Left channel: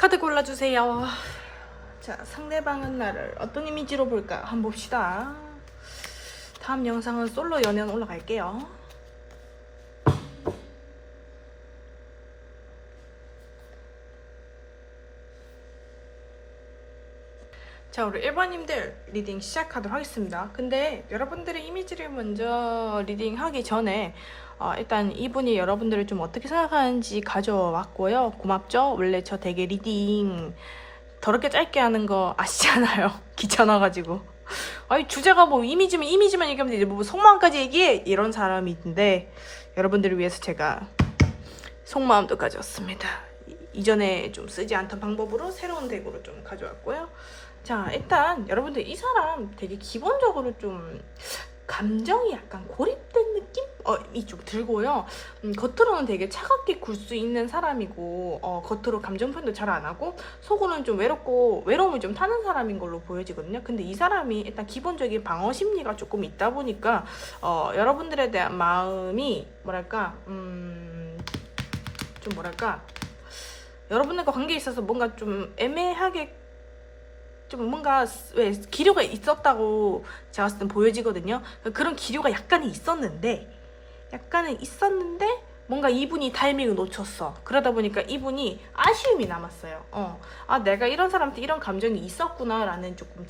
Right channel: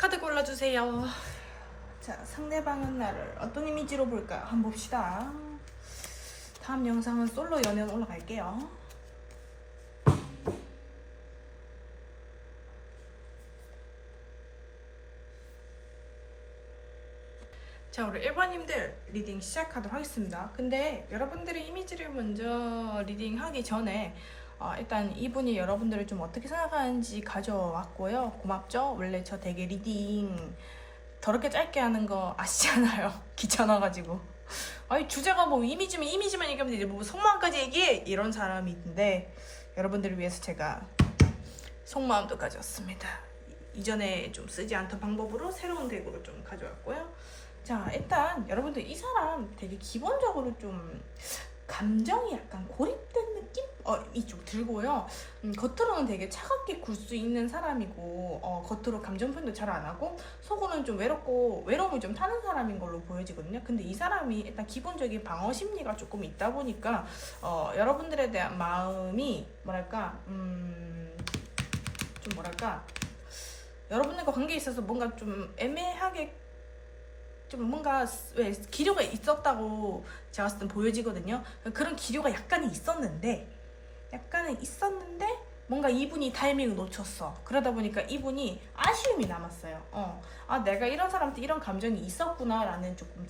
카드 골라주세요. 자, 상대방은 나를 어떤 이미지로 볼까 한번 봅시다. 다음 영상은 솔로 연연 올라갈게요. 자, 우리 1번님들 리딩 시작하도록 하겠습니다. 근데 여러분들의 이미지를 먼저 리딩하기 전에 일단 이분이 여러분들을 좀 어떻게 생각하는지 가져왔고요. 고맙죠? 원래 저 되게 리딩 더럽게 짧게 하는 거 아시잖아요. 귀찮아가지고. 아니 주제가 뭐 이미지만 얘기하면 되지 뭐 속마음까지 얘기해 이런 사람이 있는데 여러분들을 위해서 제가 속마음도 가져왔습니다. 이전에 좀 쓰지 않던 방법으로 새로운 덱으로 좀 가져왔고요. 자, 일단 여러분들 이 사람 되게 기본적으로 좀 감정이 약간 고립된 느낌? 이 좀 들고요. 겉으로는 되게 차갑게 굴 수 있는 사람이고 겉으로 감정 표현도 잘 안 하고 속으로는 좀 외로움을 좀 타는 사람인 걸로 보여지거든요. 근데 이 사람이 일단 기본적인 방어 심리가 조금 있다 보니까 여러분들에 대한 마음이 여러분들과 관계에 있어서 뭔가 좀 애매하게 좀 뭔가 왜 기류가 있었다고 제가 봤을 땐 보여지거든요. 그런 기류가 약간은 있었는데 뭔가 이분이 타이밍을 놓쳤어. 그러다 보니까 이분이 아쉬움이 남았어요. 내가 이런 사람한테 이런 감정이 있었구나라는 조금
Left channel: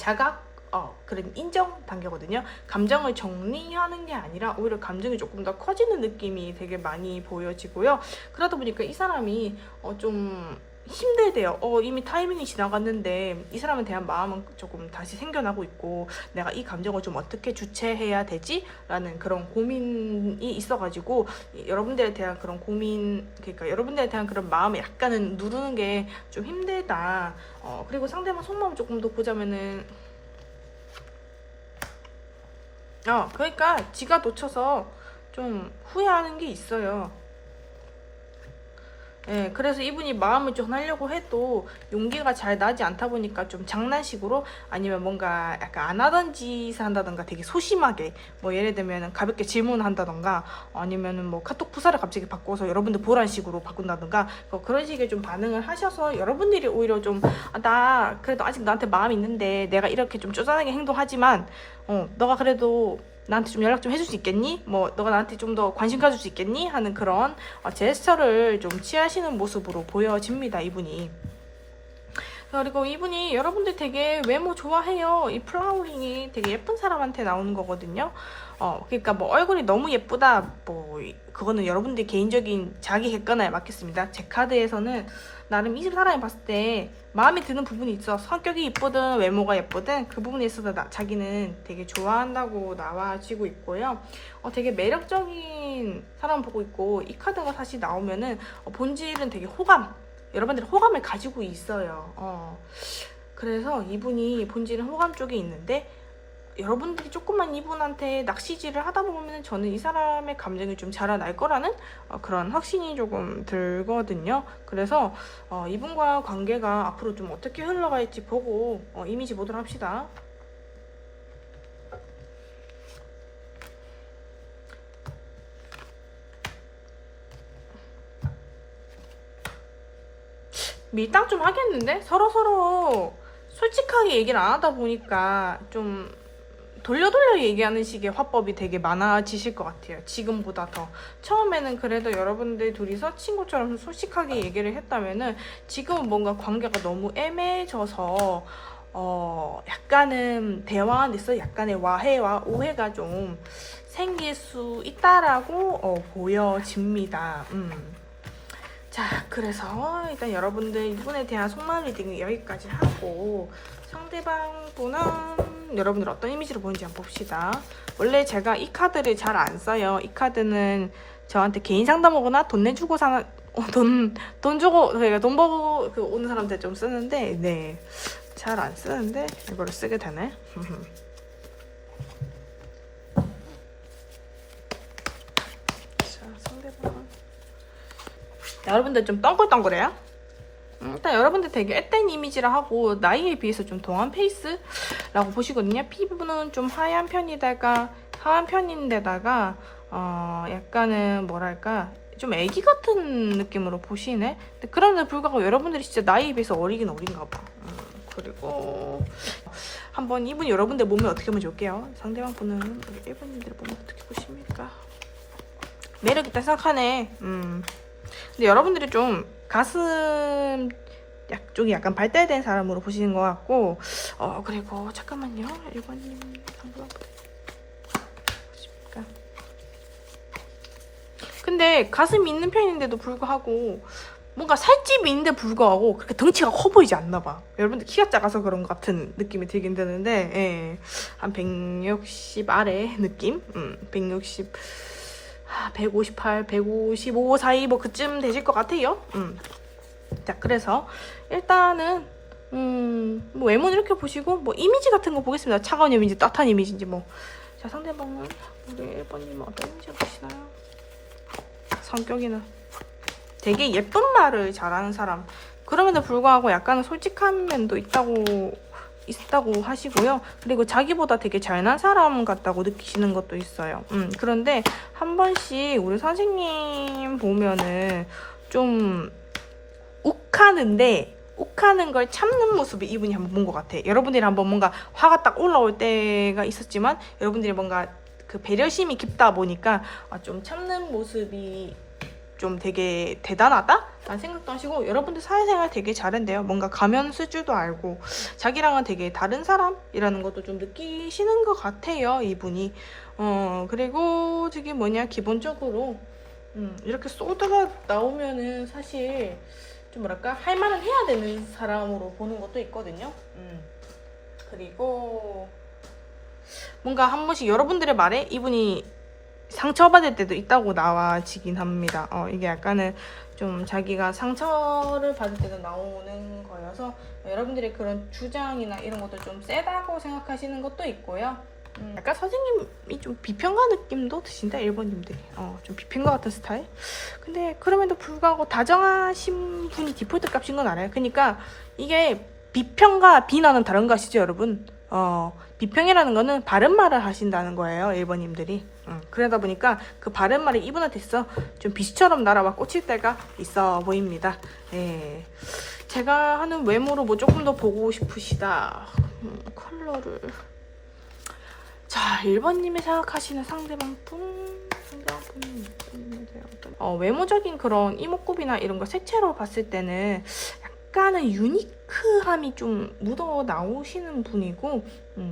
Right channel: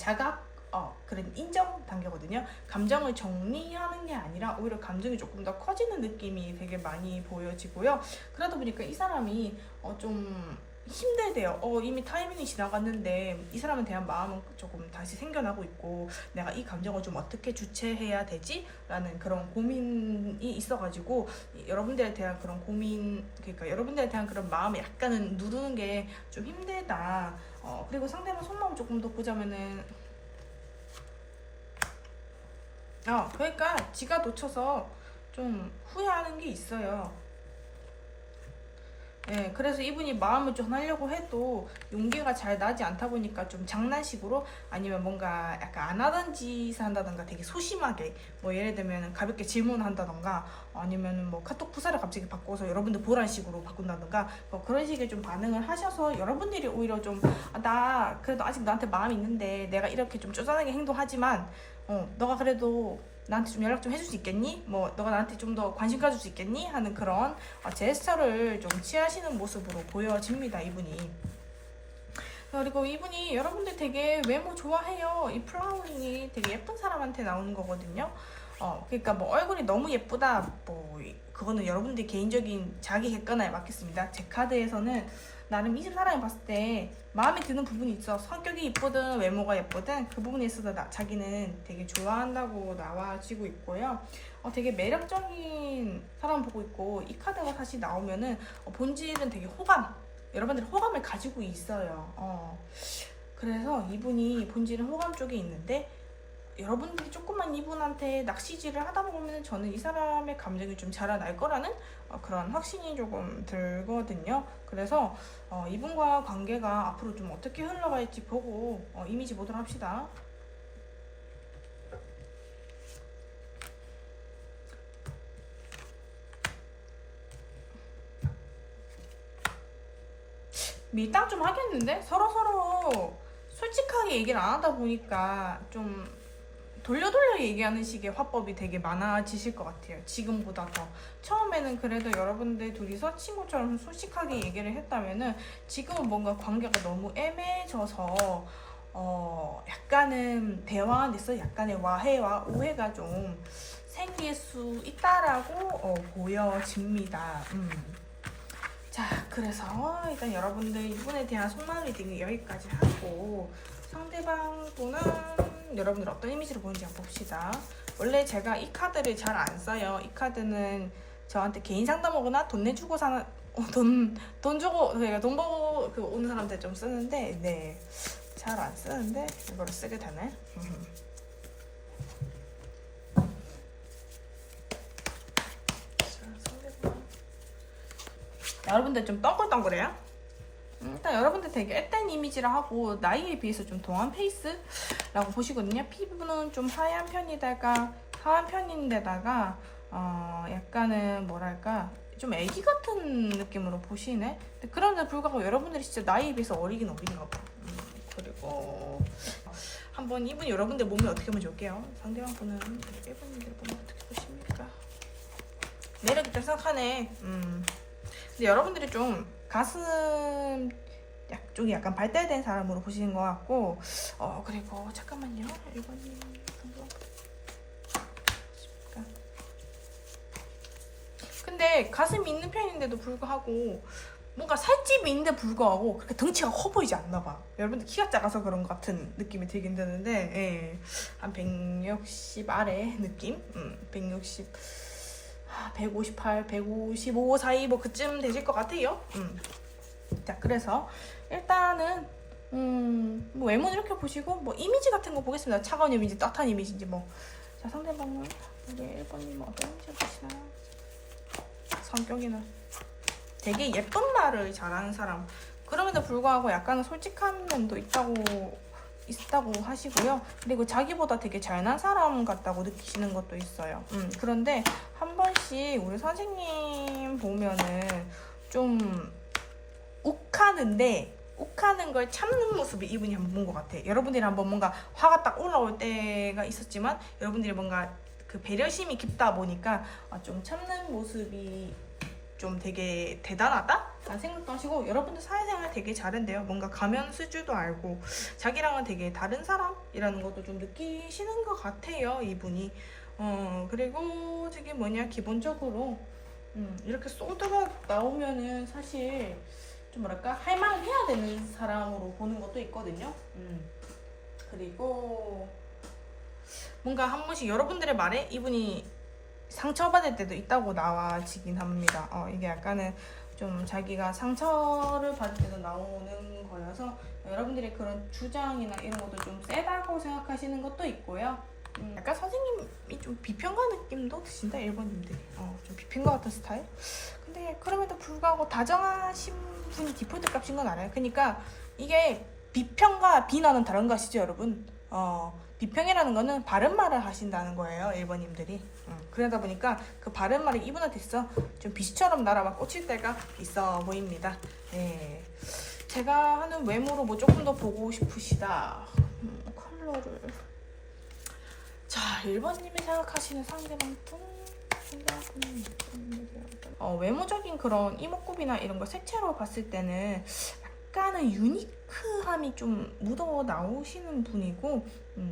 그런 인정 단계거든요. 감정을 정리하는 게 아니라 오히려 감정이 조금 더 커지는 느낌이 되게 많이 보여지고요. 그러다 보니까 이 사람이 좀 힘들대요. 이미 타이밍이 지나갔는데 이 사람에 대한 마음은 조금 다시 생겨나고 있고 내가 이 감정을 좀 어떻게 주체해야 되지? 라는 그런 고민이 있어가지고 여러분들에 대한 그런 고민, 그러니까 여러분들에 대한 그런 마음을 약간은 누르는 게 좀 힘들다. 그리고 상대방 속마음을 조금 더 보자면은 그러니까 지가 놓쳐서 좀 후회하는 게 있어요. 네, 그래서 이분이 마음을 좀 하려고 해도 용기가 잘 나지 않다 보니까 좀 장난식으로 아니면 뭔가 약간 안 하던 짓을 한다던가 되게 소심하게 뭐 예를 들면 가볍게 질문한다던가 아니면은 뭐 카톡 프사를 갑자기 바꿔서 여러분들 보란 식으로 바꾼다던가 그런 식의 좀 반응을 하셔서 여러분들이 오히려 좀 나 그래도 아직 너한테 마음이 있는데 내가 이렇게 좀 쪼잔하게 행동하지만 너가 그래도 나한테 좀 연락 좀 해줄 수 있겠니? 뭐 너가 나한테 좀 더 관심 가질 수 있겠니? 하는 그런 제스처를 좀 취하시는 모습으로 보여집니다. 이분이. 그리고 이분이 여러분들 되게 외모 좋아해요. 이 플라워링이 되게 예쁜 사람한테 나오는 거거든요. 그러니까 뭐 얼굴이 너무 예쁘다 뭐 그거는 여러분들 개인적인 자기 객관에 맡겼습니다. 제 카드에서는 나름 이 사람이 봤을 때 마음에 드는 부분이 있어. 성격이 예쁘든 외모가 예쁘든 그 부분에 있어서 자기는 되게 좋아한다고 나와지고 있고요. 되게 매력적인 사람 보고 있고 이 카드가 다시 나오면은 본질은 되게 여러분들이 호감을 가지고 있어요. 그래서 이분이 본질은 호감 쪽에 있는데 여러분들이 조금만 이분한테 낚시질을 하다 보면 저는 이 사람의 감정이 좀 자라날 거라는 그런 확신이 조금 들거든요. 그래서 이분과 관계가 앞으로 좀 어떻게 흘러갈지 보고 이미지 보도록 합시다. 밀당 좀 하겠는데? 서로 솔직하게 얘기를 안 하다 보니까 좀 돌려 얘기하는 식의 화법이 되게 많아지실 것 같아요. 지금보다 더. 처음에는 그래도 여러분들 둘이서 친구처럼 솔직하게 얘기를 했다면은 지금은 뭔가 관계가 너무 애매해져서 약간은 대화 안에서 약간의 와해와 오해가 좀 생길 수 있다라고 보여집니다. 자, 그래서 일단 여러분들 이분에 대한 속마음 리딩은 여기까지 하고 상대방 분은 여러분들 어떤 이미지로 보는지 한번 봅시다. 원래 제가 이 카드를 잘 안 써요. 이 카드는 저한테 개인 상담 오거나 돈 내주고 사는 돈 주고 돈 벌고 오는 사람들 좀 쓰는데 네, 잘 안 쓰는데 이걸 쓰게 되네. 여러분들 좀 동글동글해요? 일단 여러분들 되게 앳된 이미지라 하고 나이에 비해서 좀 동안 페이스라고 보시거든요. 피부는 좀 하얀 편인데다가 약간은 뭐랄까 좀 애기 같은 느낌으로 보시네. 근데 그럼에도 불구하고 여러분들이 진짜 나이에 비해서 어리긴 어린가 봐. 그리고 한번 이분 여러분들 몸에 어떻게 한번 줄게요. 상대방 분은 우리 1번님들 몸에 어떻게 보십니까? 매력 있다 생각하네. 근데 여러분들이 좀 가슴 쪽이 약간 발달된 사람으로 보시는 것 같고, 그리고 잠깐만요. 1번님 한번 보실까? 근데 가슴이 있는 편인데도 불구하고 뭔가 살집이 있는데 불구하고 그렇게 덩치가 커 보이지 않나 봐. 여러분들 키가 작아서 그런 것 같은 느낌이 들긴 드는데, 예. 한 160 아래 느낌? 160, 158, 155 사이 뭐 그쯤 되실 것 같아요. 자, 그래서 일단은 뭐 외모는 이렇게 보시고 뭐 이미지 같은 거 보겠습니다. 차가운 이미지, 따뜻한 이미지인지 뭐. 자, 상대방은 우리 1번님은 어떤 이미지 보시나요? 성격이는 되게 예쁜 말을 잘하는 사람. 그럼에도 불구하고 약간 솔직한 면도 있다고 하시고요. 그리고 자기보다 되게 잘난 사람 같다고 느끼시는 것도 있어요. 그런데 한 번씩 우리 선생님 보면은 좀 욱하는 걸 참는 모습을 이분이 한번 본 것 같아. 여러분들이 한번 뭔가 화가 딱 올라올 때가 있었지만 여러분들이 뭔가 그 배려심이 깊다 보니까 좀 참는 모습이 좀 되게 대단하다? 라는 생각도 하시고, 여러분들 사회생활 되게 잘한대요. 뭔가 가면 수줄도 알고 자기랑은 되게 다른 사람이라는 것도 좀 느끼시는 것 같아요, 이분이. 그리고 저기 기본적으로 이렇게 소드가 나오면은 사실 좀 뭐랄까 할 말을 해야 되는 사람으로 보는 것도 있거든요. 그리고 뭔가 한 번씩 여러분들의 말에 이분이 상처받을 때도 있다고 나와지긴 합니다. 이게 약간은 좀 자기가 상처를 받을 때도 나오는 거여서 여러분들의 그런 주장이나 이런 것도 좀 세다고 생각하시는 것도 있고요. 약간 선생님이 좀 비평가 느낌도 드신다, 1번님들이. 좀 비평가 같은 스타일? 근데 그럼에도 불구하고 다정하신 분이 디폴트 값인 건 알아요. 그러니까 이게 비평과 비난은 다른 거 아시죠, 여러분? 비평이라는 거는 바른 말을 하신다는 거예요, 1번님들이. 그러다 보니까 그 바른 말이 이분한테 있어 좀 빛처럼 날아와 꽂힐 때가 있어 보입니다. 예. 제가 하는 외모로 뭐 조금 더 보고 싶으시다. 컬러를. 자, 1번님이 생각하시는 상대방 외모적인 그런 이목구비나 이런 거 색채로 봤을 때는 약간은 유니크함이 좀 묻어 나오시는 분이고,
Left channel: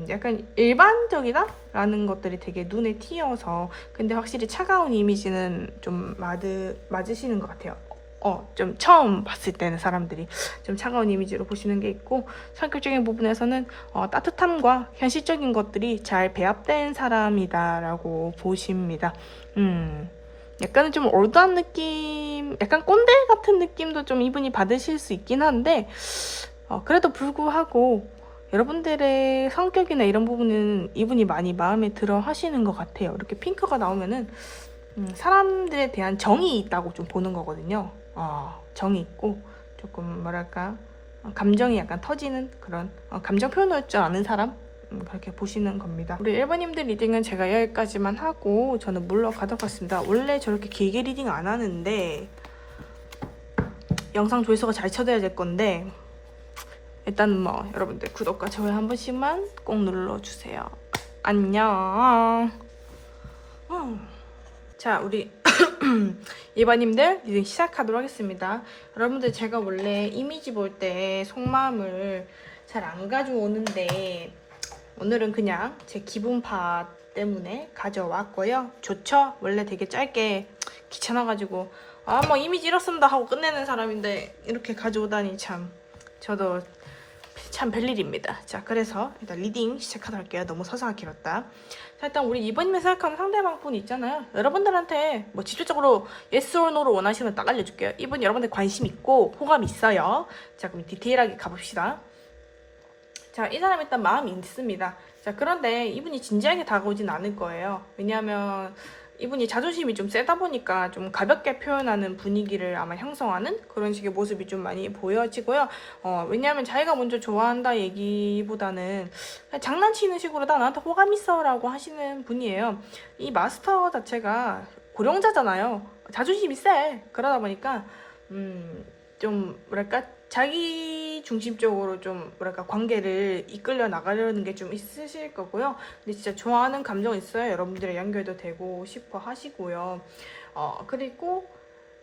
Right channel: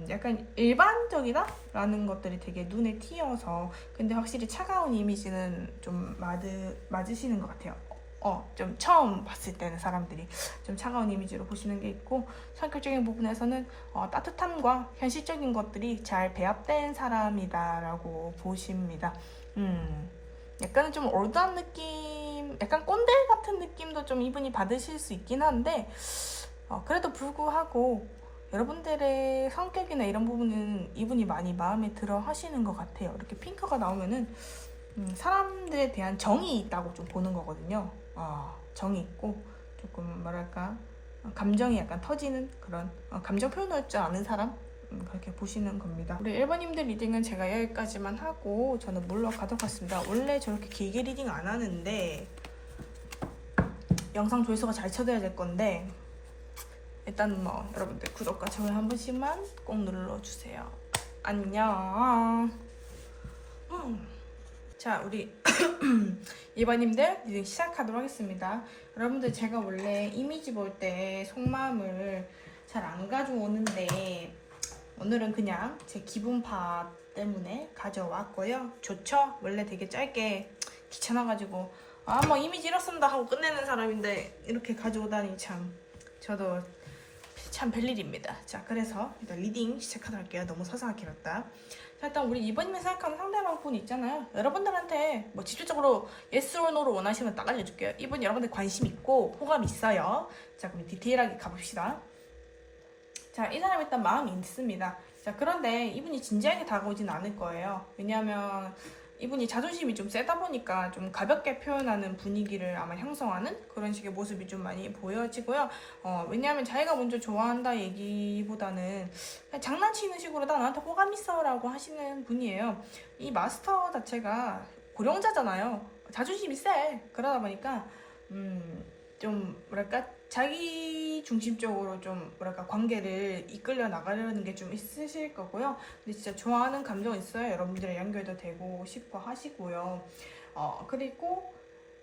약간 일반적이다? 라는 것들이 되게 눈에 띄어서, 근데 확실히 차가운 이미지는 좀 맞으시는 것 같아요. 좀 처음 봤을 때는 사람들이 좀 차가운 이미지로 보시는 게 있고, 성격적인 부분에서는 따뜻함과 현실적인 것들이 잘 배합된 사람이다라고 보십니다. 약간은 좀 올드한 느낌, 약간 꼰대 같은 느낌도 좀 이분이 받으실 수 있긴 한데, 그래도 불구하고 여러분들의 성격이나 이런 부분은 이분이 많이 마음에 들어 하시는 것 같아요. 이렇게 핑크가 나오면은 사람들에 대한 정이 있다고 좀 보는 거거든요. 정이 있고 조금 뭐랄까 감정이 약간 터지는 그런 감정 표현할 줄 아는 사람? 그렇게 보시는 겁니다. 우리 1번님들 리딩은 제가 여기까지만 하고 저는 물러가도록 하겠습니다. 원래 저렇게 길게 리딩 안 하는데 영상 조회수가 잘 쳐져야 될 건데, 일단 뭐 여러분들 구독과 좋아요 한 번씩만 꼭 눌러주세요. 안녕. 자, 우리 2번님들 리딩 시작하도록 하겠습니다. 여러분들 제가 원래 이미지 볼 때 속마음을 잘 안 가져오는데 오늘은 그냥 제 기분파 때문에 가져왔고요. 좋죠? 원래 되게 짧게 귀찮아가지고 뭐 이미지 이렇습니다 하고 끝내는 사람인데 이렇게 가져오다니 참 저도 참 별일입니다. 자, 그래서 일단 리딩 시작하도록 할게요. 너무 서사가 길었다. 자, 일단 우리 이번님이 생각하는 상대방 분 있잖아요. 여러분들한테 뭐 직접적으로 yes or no를 원하시면 딱 알려줄게요. 이분 여러분들 관심 있고 호감 있어요. 자, 그럼 디테일하게 가봅시다. 자, 이 사람 일단 마음이 있습니다. 자, 그런데 이분이 진지하게 다가오진 않을 거예요. 왜냐하면 이분이 자존심이 좀 세다 보니까 좀 가볍게 표현하는 분위기를 아마 형성하는 그런 식의 모습이 좀 많이 보여지고요. 왜냐하면 자기가 먼저 좋아한다 얘기보다는 장난치는 식으로 다 나한테 호감 있어 라고 하시는 분이에요. 이 마스터 자체가 고령자잖아요. 자존심이 세. 그러다 보니까 좀 뭐랄까 자기 중심적으로 좀 뭐랄까 관계를 이끌려 나가려는 게 좀 있으실 거고요. 근데 진짜 좋아하는 감정 있어요. 여러분들의 연결도 되고 싶어 하시고요. 그리고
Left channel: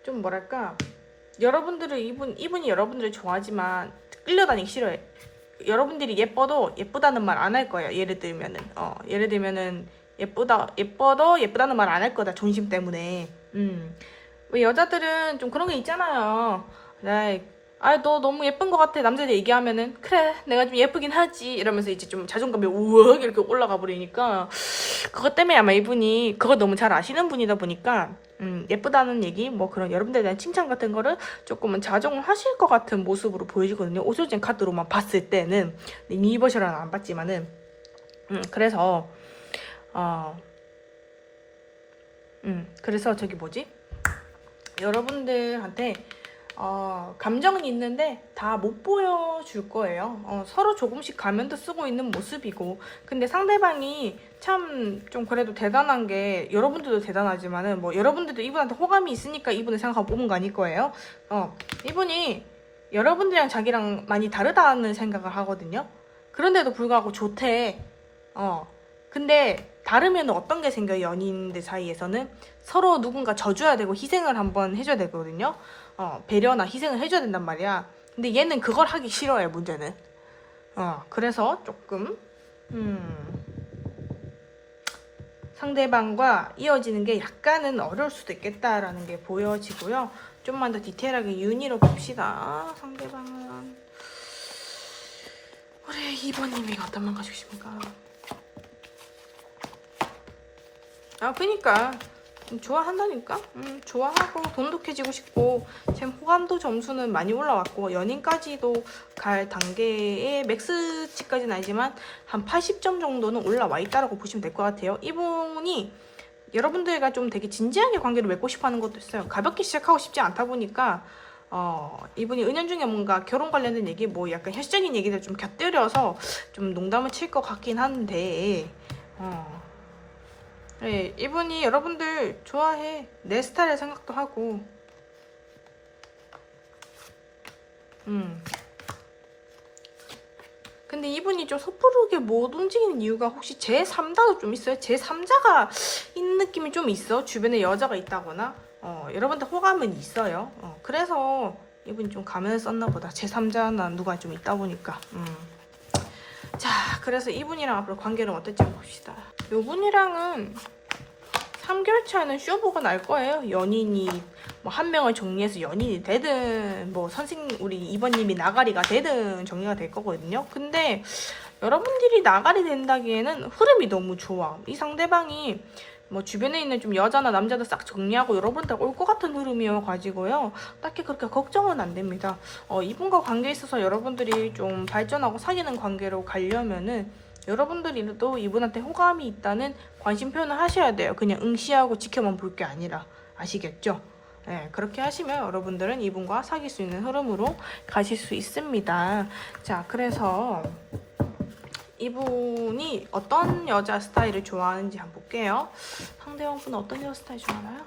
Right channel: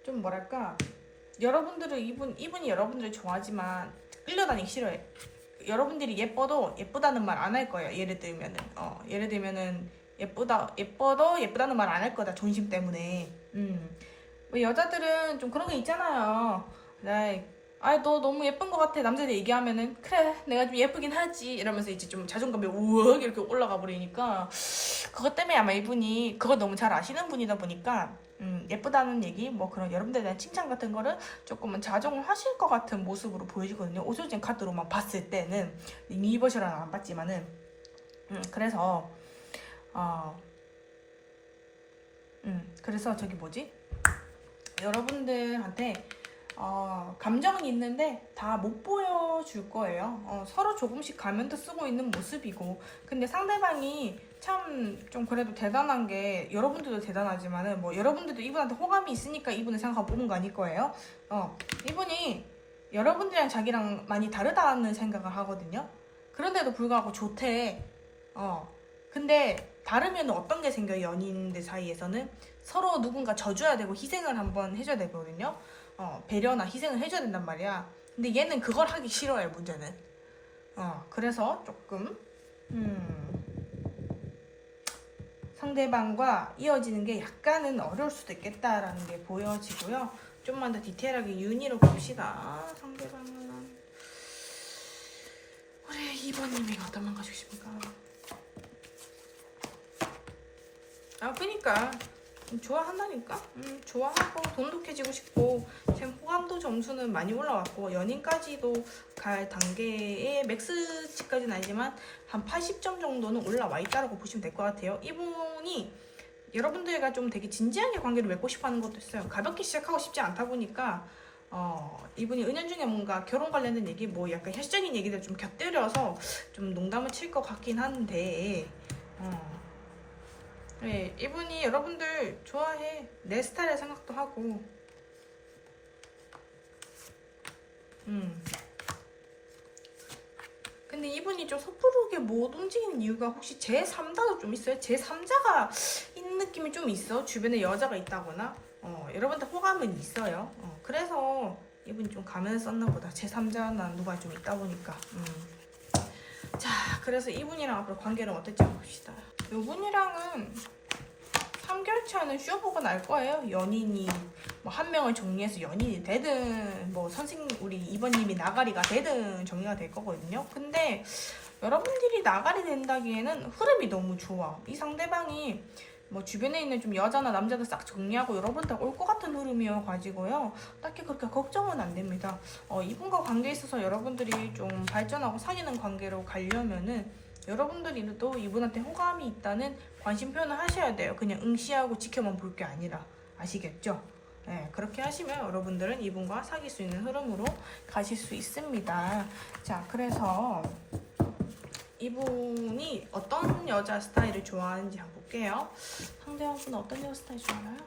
좀 뭐랄까 여러분들을 이분이 여러분들을 좋아하지만 끌려다니기 싫어해. 여러분들이 예뻐도 예쁘다는 말 안 할 거예요. 예를 들면은 예뻐도 예쁘다는 말 안 할 거다. 존심 때문에. 왜 여자들은 좀 그런 게 있잖아요. 너 너무 예쁜 것 같아. 남자들 얘기하면은 그래 내가 좀 예쁘긴 하지 이러면서 이제 좀 자존감이 우억 이렇게 올라가 버리니까 그것 때문에 아마 이분이 그거 너무 잘 아시는 분이다 보니까 예쁘다는 얘기 뭐 그런 여러분들에 대한 칭찬 같은 거를 조금은 자정을 하실 것 같은 모습으로 보이거든요. 오솔진 카드로만 봤을 때는 이미 버셔라는 안 봤지만은 그래서 그래서 저기 뭐지 여러분들한테 감정은 있는데 다 못 보여줄 거예요. 서로 조금씩 가면도 쓰고 있는 모습이고 근데 상대방이 참 좀 그래도 대단한 게 여러분들도 대단하지만은 뭐 여러분들도 이분한테 호감이 있으니까 이분을 생각하고 뽑은 거 아닐 거예요. 이분이 여러분들이랑 자기랑 많이 다르다는 생각을 하거든요. 그런데도 불구하고 좋대. 근데 다르면 어떤 게 생겨요? 연인들 사이에서는 서로 누군가 져줘야 되고 희생을 한번 해줘야 되거든요. 배려나 희생을 해줘야 된단 말이야. 근데 얘는 그걸 하기 싫어해, 문제는. 그래서 조금 상대방과 이어지는 게 약간은 어려울 수도 있겠다라는 게 보여지고요. 좀만 더 디테일하게 윤희로 봅시다. 상대방은 우리 2번님이 어떤 말 가지고 싶습니까? 그니까 좋아한다니까? 좋아하고 돈독해지고 싶고 지금 호감도 점수는 많이 올라왔고 연인까지도 갈 단계의 맥스치까지는 아니지만 한 80점 정도는 올라와 있다고 보시면 될 것 같아요. 이분이 여러분들과 좀 되게 진지하게 관계를 맺고 싶어 하는 것도 있어요. 가볍게 시작하고 싶지 않다 보니까 이분이 은연중에 뭔가 결혼 관련된 얘기 뭐 약간 현실적인 얘기를 좀 곁들여서 좀 농담을 칠 것 같긴 한데 네, 이분이 여러분들 좋아해. 내 스타일의 생각도 하고. 근데 이분이 좀 섣부르게 못 움직이는 이유가 혹시 제3자도 좀 있어요? 제3자가 있는 느낌이 좀 있어. 주변에 여자가 있다거나. 여러분들 호감은 있어요. 그래서 이분이 좀 가면을 썼나 보다. 제3자나 누가 좀 있다 보니까. 자, 그래서 이분이랑 앞으로 관계는 어떨지 한번 봅시다. 이분이랑은 3개월 차에는 쇼부가 날 거예요. 연인이 뭐 한 명을 정리해서 연인이 되든 뭐 우리 2번님이 나가리가 되든 정리가 될 거거든요. 근데 여러분들이 나가리 된다기에는 흐름이 너무 좋아. 이 상대방이 뭐 주변에 있는 좀 여자나 남자도 싹 정리하고 여러분들 올 것 같은 흐름이어가지고요. 딱히 그렇게 걱정은 안 됩니다. 이분과 관계에 있어서 여러분들이 좀 발전하고 사귀는 관계로 가려면은 여러분들이도 이분한테 호감이 있다는 관심 표현을 하셔야 돼요. 그냥 응시하고 지켜만 볼 게 아니라. 아시겠죠? 네, 그렇게 하시면 여러분들은 이분과 사귈 수 있는 흐름으로 가실 수 있습니다. 자, 그래서 이분이 어떤 여자 스타일을 좋아하는지 한번 볼게요. 상대방분은 어떤 여자 스타일 좋아하나요?